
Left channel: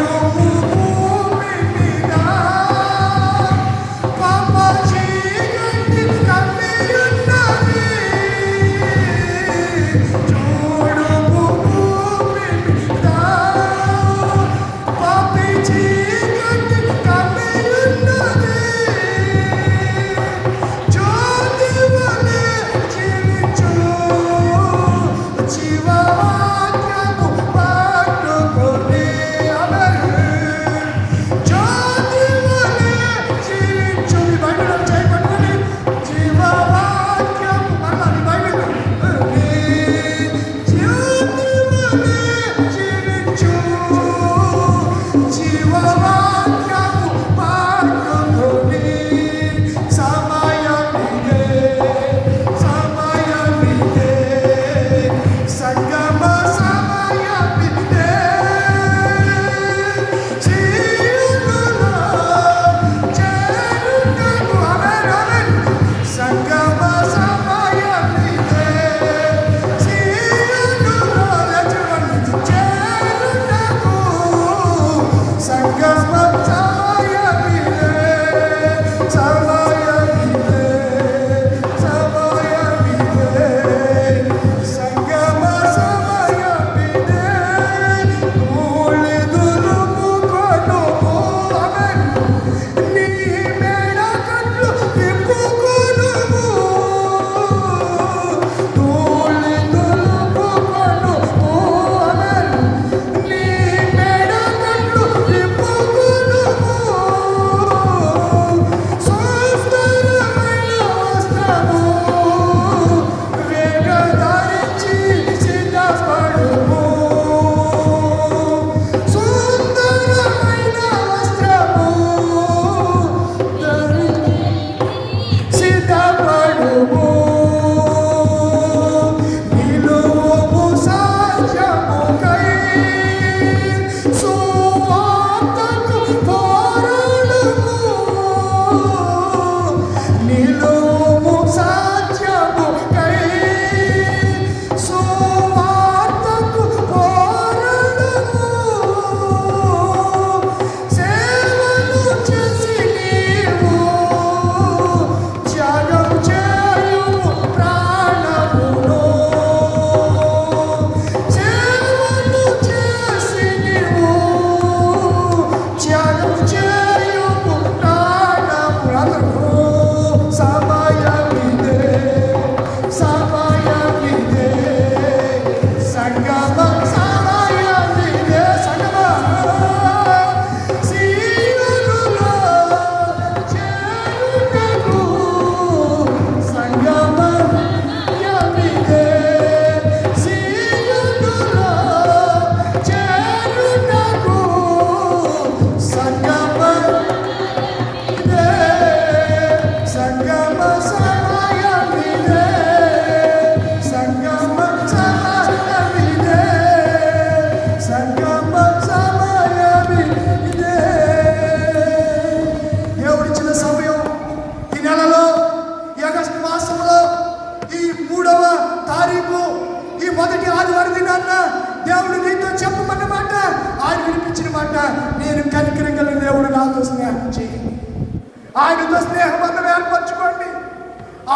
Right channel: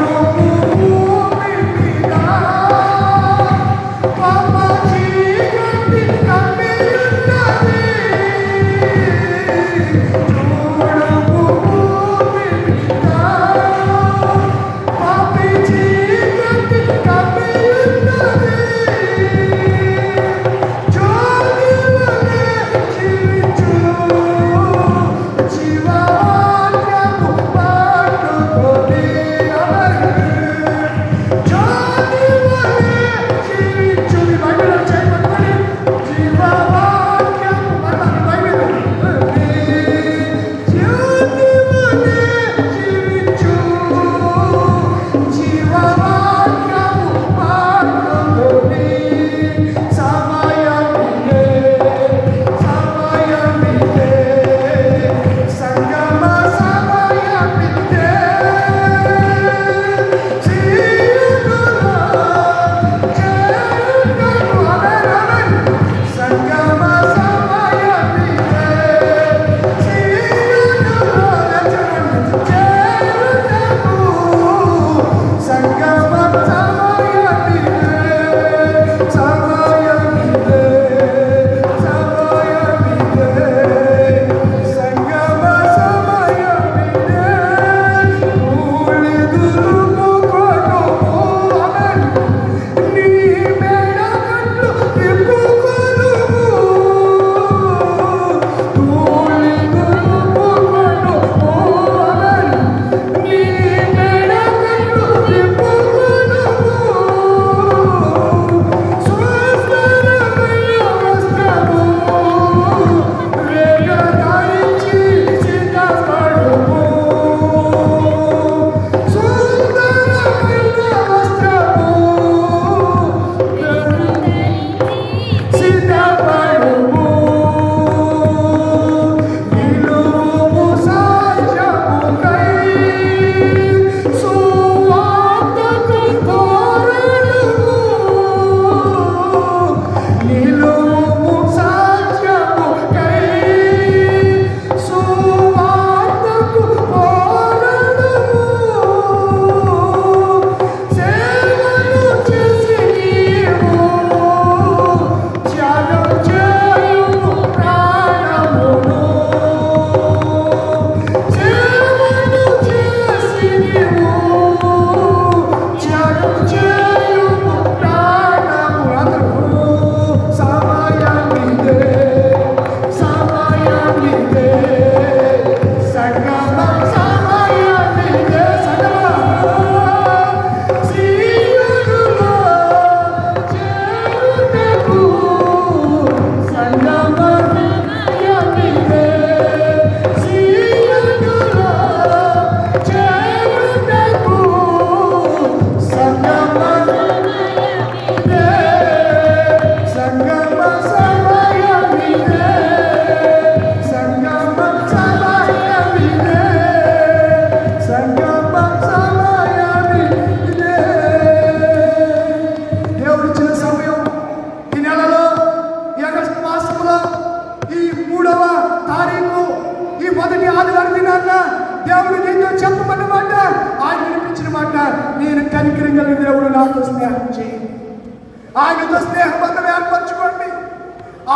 ఆయనతో స్నేహబంధం ఏర్పరచుకోండి.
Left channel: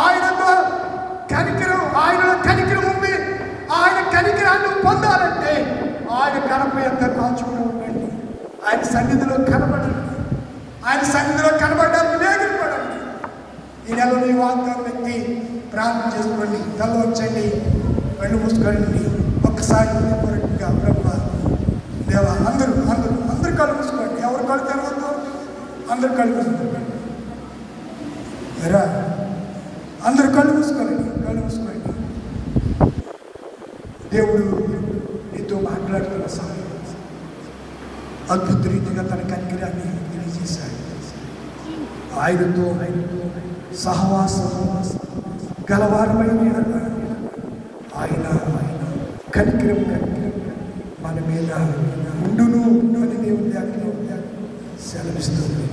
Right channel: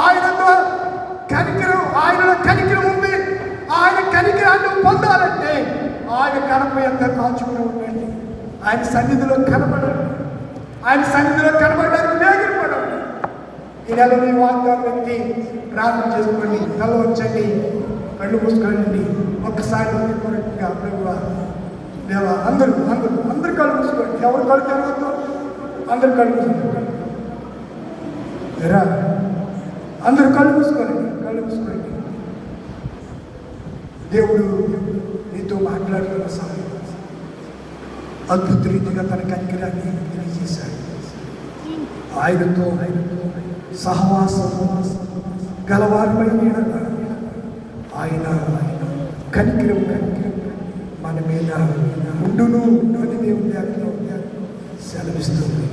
ఆయనతో కనికరం, ఆయనలో కనికరం ఉంది. ఆయన కనికరాన్ని పొందాలంటే ఆయన గడప ఎంత కాచుకుని ఉండండి. ఆయన సన్నిధిలో కనబడండి. ఆయన సన్నిధిలో కనబడడానికి నేర్పడండి. ఈ నెల మీ వాగ్దానం ఎత్తి ప్రార్థన చేసుకోండి. తల వచ్చండి, కళ్ళు మూసుకోండి. ఒక్కసారి ప్రభువా దేవా, అందరూ కళ్ళు మూసుకోండి. ఎవరు కళ్ళు తెరవద్దు, అందరూ కళ్ళు మూసుకోండి. అందరూ కళ్ళు మూసుకోండి. దేవుడు నీతో మాట్లాడుతున్న సమయం అద్భుత రీతిగా తన కనికరాన్ని తెలియజేశాడు. ఆయనతో సహవాసం గలవారమైన ఆయన కనికరం మన మీద ఉండును కలిగి ఉండాలని సెలవిస్తుంది.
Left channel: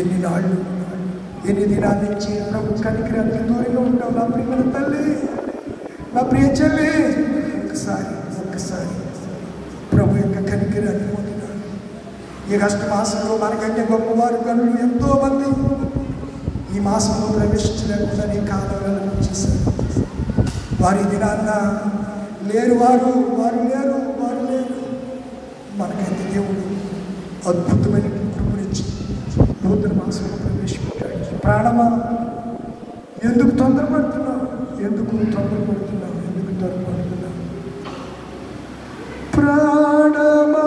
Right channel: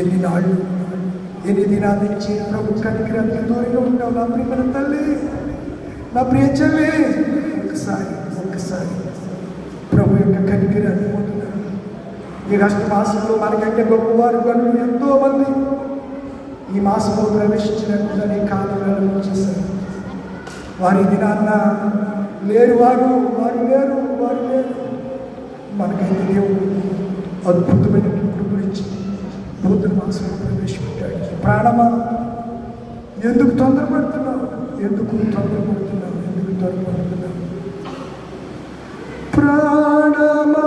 ఎన్ని నాళ్ళు, ఎన్ని దినాల నుంచి ప్రభు కనికరానికి దూరంగా ఉంటాం. నా ప్రియమైన తల్లి, నా ప్రియ చెల్లి, ఒక్కసారి ప్రభు యొక్క కనికరాన్ని పొందినారు. ఈ రాష్ట్ర మాసంలో మనకంటే గొప్పవారు గనులు ఎంతో మంది ఈ మాసంలో ప్రవేశించినట్లని కాలంలో చేశారు. వారి దినాన్న లేరు, వారు లేరు. మనకైతే దేవుడు అద్భుతమైన గురించి నూతన మాసంలో ప్రవేశపెట్టాడు. ప్రాణమా, ఎందుకు తొందరపడుతున్నావు? ప్రాణమా,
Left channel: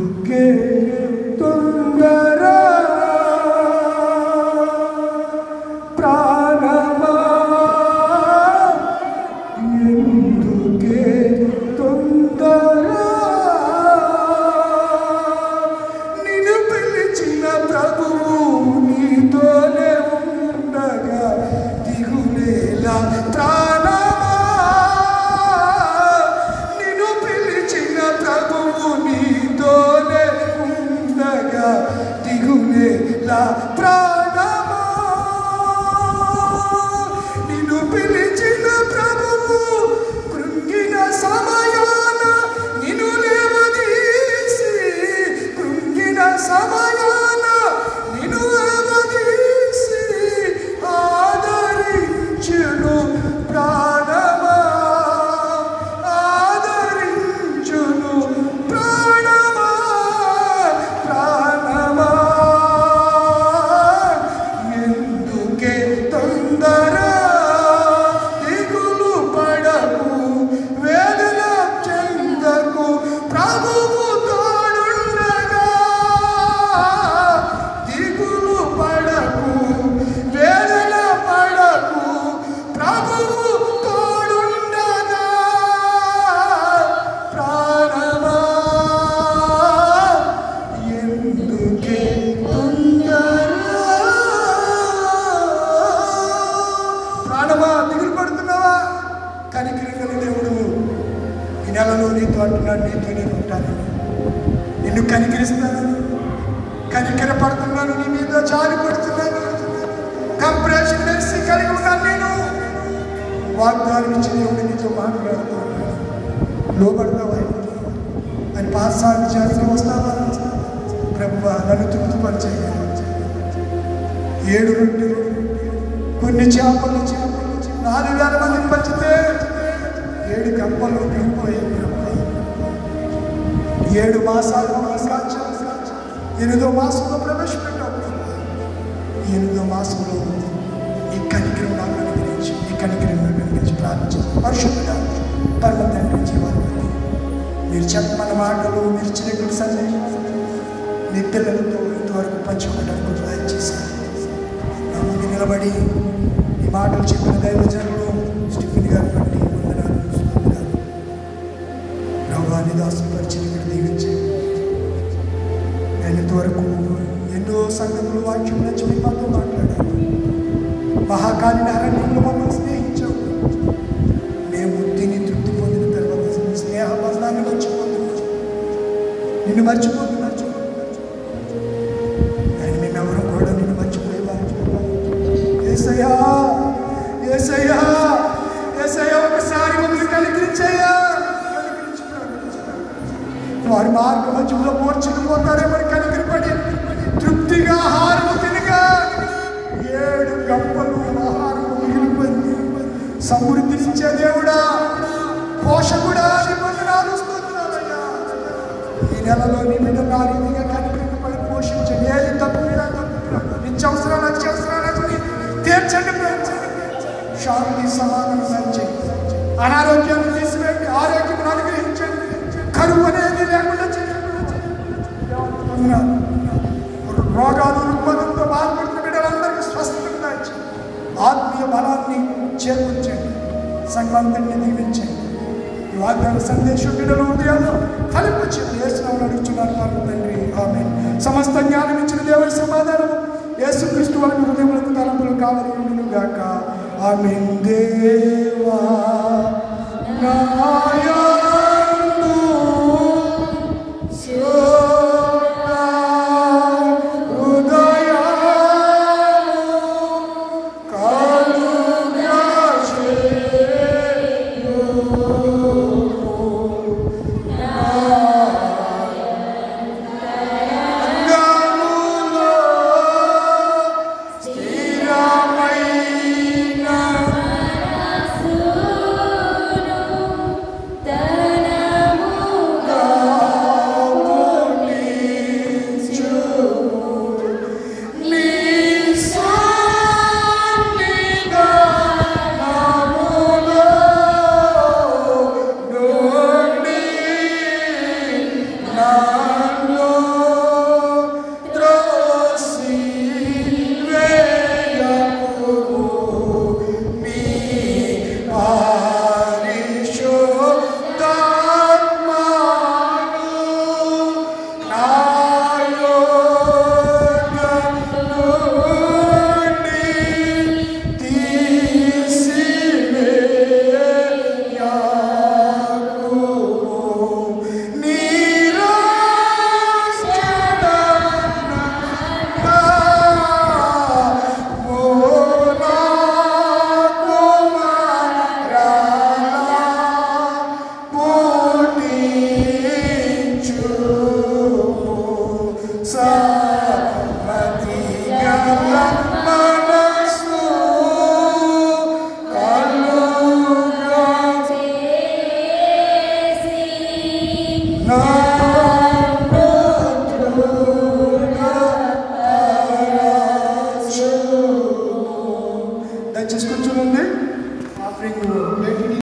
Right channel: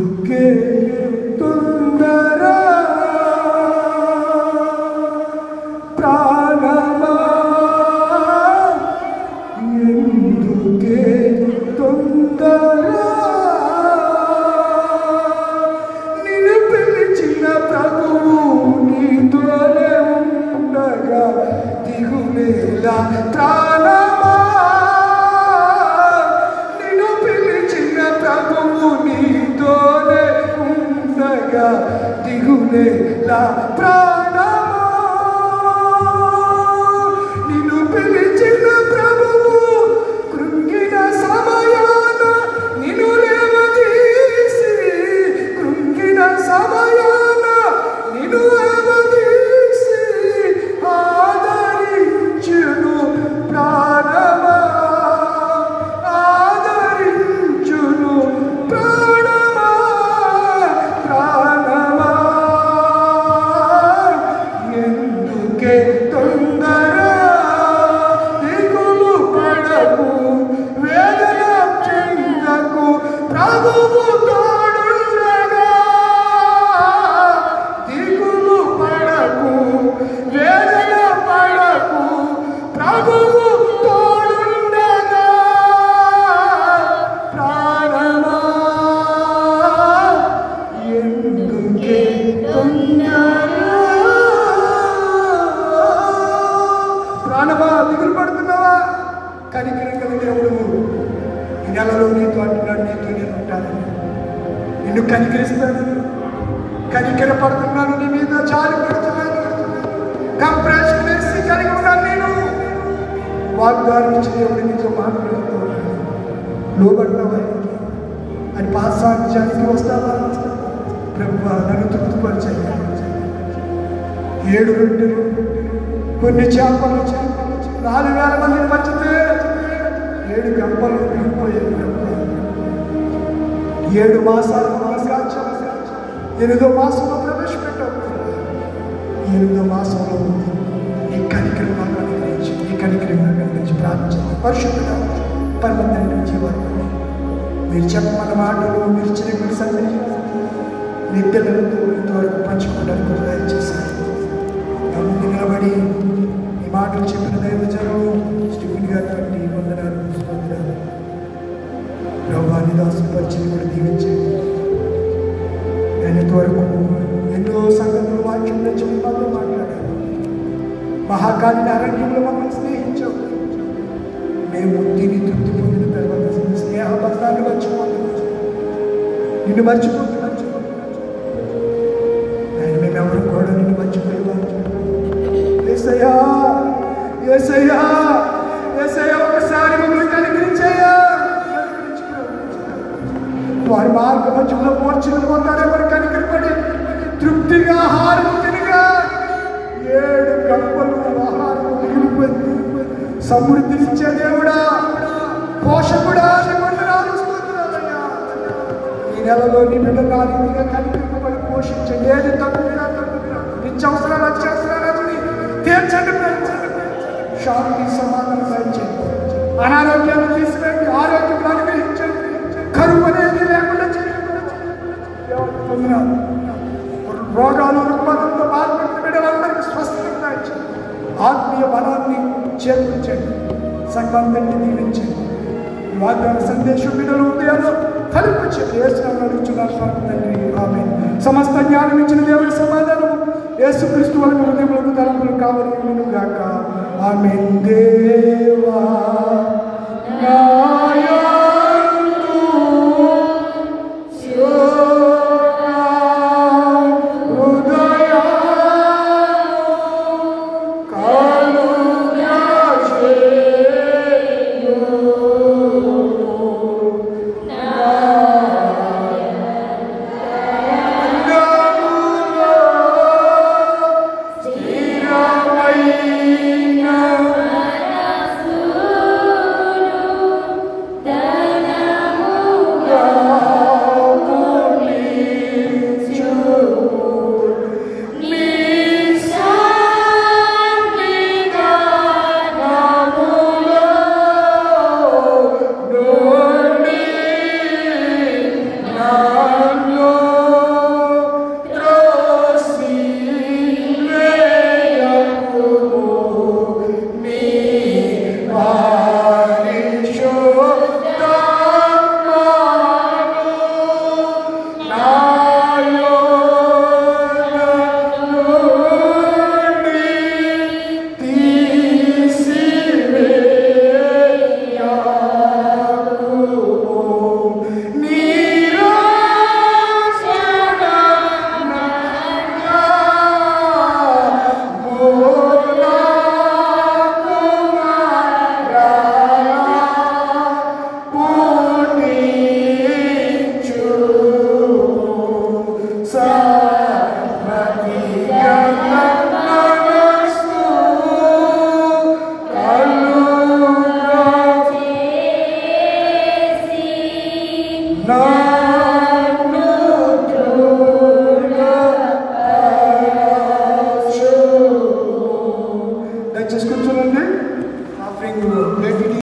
ఎందుకే తొందర? ప్రాణమా, ఎందుకే తొందర? నిన్ను పిలిచిన ప్రభువు నీతోనే ఉండగా దిగులేలా. ప్రాణమా, నిన్ను పిలిచిన ప్రభువు నీతోనే ఉండగా దిగులేలా. ప్రాణమా, నిన్ను పిలిచిన ప్రభువు కృంగిన సమయాన నిన్ను లేవదీసి, కృంగిన సమయాన నిన్ను లేవదీసి ఆదరించును. ప్రాణమా, ఆదరించును. ప్రాణమా, ఎందుకే తొందర? దిగులు పడకు, వేదన చెందకు, ప్రభువు తోడుండగా. దిగులు పడకు, వేదన పడకు, ప్రభువు తోడుండగా. ప్రాణమా, ఎందుకే తొందర? ప్రాణమా, దిగులు పడుతున్నావా? కనికరించిన దేవుడు ఈ నెలలో నీతో అంటున్నాడు, నీతో నేను ఉంటానని, నిన్ను కనికరిస్తానని, కనికర పడుతున్నాను, నీ మీద జారి పడుతున్నాను, కంప్రెషన్ వేసి కలిగి ఉన్నాను. నేను వాగ్దానం ఇచ్చి దేవుడు నీతో మాట్లాడుతున్నాను. లోబడతావా అని పాసాన్ని జాతికి వస్తావా? ప్రభువా, నన్ను తృప్తిపరిచేయాలి. 7 రొట్టెలు, కొన్ని చేపలు 4,000 మందిని పంచితే 7 తెప్పలు దిగిపోయాయి. 7 మాసాలు 8వ మాసంలో ప్రవేశపెట్టాడు. 8వ మాసంలో నీ కనికరం గురించి ప్రార్థించాలి. పరిశుద్ధుడా, పరమ తండ్రి, జీవాలు మీరు చెప్పమన్న మాటలు, మీరు చేయకున్న సందేశం నీ పిల్లలతో ఇంతవరకు పంచుకోవడానికి దయచేశారు. నా ముందు నిలబడి ఈ మాటలు చెప్పిన దైవజనులు స్టీఫెన్ గారు బట్టి వందనాలు. నిన్ను మర్చిపోతున్నాను. మేమెవరు కూడా నిన్ను మర్చిపోయేవారు. యేసయ్యా యేసయ్యా యేసయ్యా ఒకసారి మమ్మల్ని కనికరించయ్యా. వారు మార్గ మధ్యలో మూర్ఛిల్లిపోతారో మరి కనికరపడి తృప్తిగా ఆహారం తినగా 7 గంపలు ఆహారం మిగిలిపోయింది. సమృద్ధినిచ్చే దేవుడా, పోషకుడా, ఈ నెలలో నీ బిడ్డలు ఆ రీతిగా కనికరింపబడి పోషించండి. ఏది తక్కువ నిత్యావసరాలు అత్యవసరాలు తీర్చండి. శాంతి సమాధానం దయచేయండి. అనారోగ్యాన్ని తీసివేయండి, ఆరోగ్యం అనుగ్రహించండి. కరువు అనేది లేకుండా చేయండి. రోగాలు రుగ్మతంతో బాధపడుతున్న బిడ్డలందరికీ స్వస్థత దయచేయండి. ఆత్మీయ బలాన్ని చేకూర్చండి. సంఘాన్ని దీవించండి. వాగ్దాన సందేశం బిడ్డలు ఉదయాల్లో ఫలింపచేయండి. యేసునామములో అడుగుచున్నాను పరమ తండ్రి, ఆమేన్. సమస్త జ్ఞానం ఇచ్చిన దేవుని సమాధానం యేసుక్రీస్తు వారి హృదయములకు తలంపులు కావలియును గాక. ఆమేన్.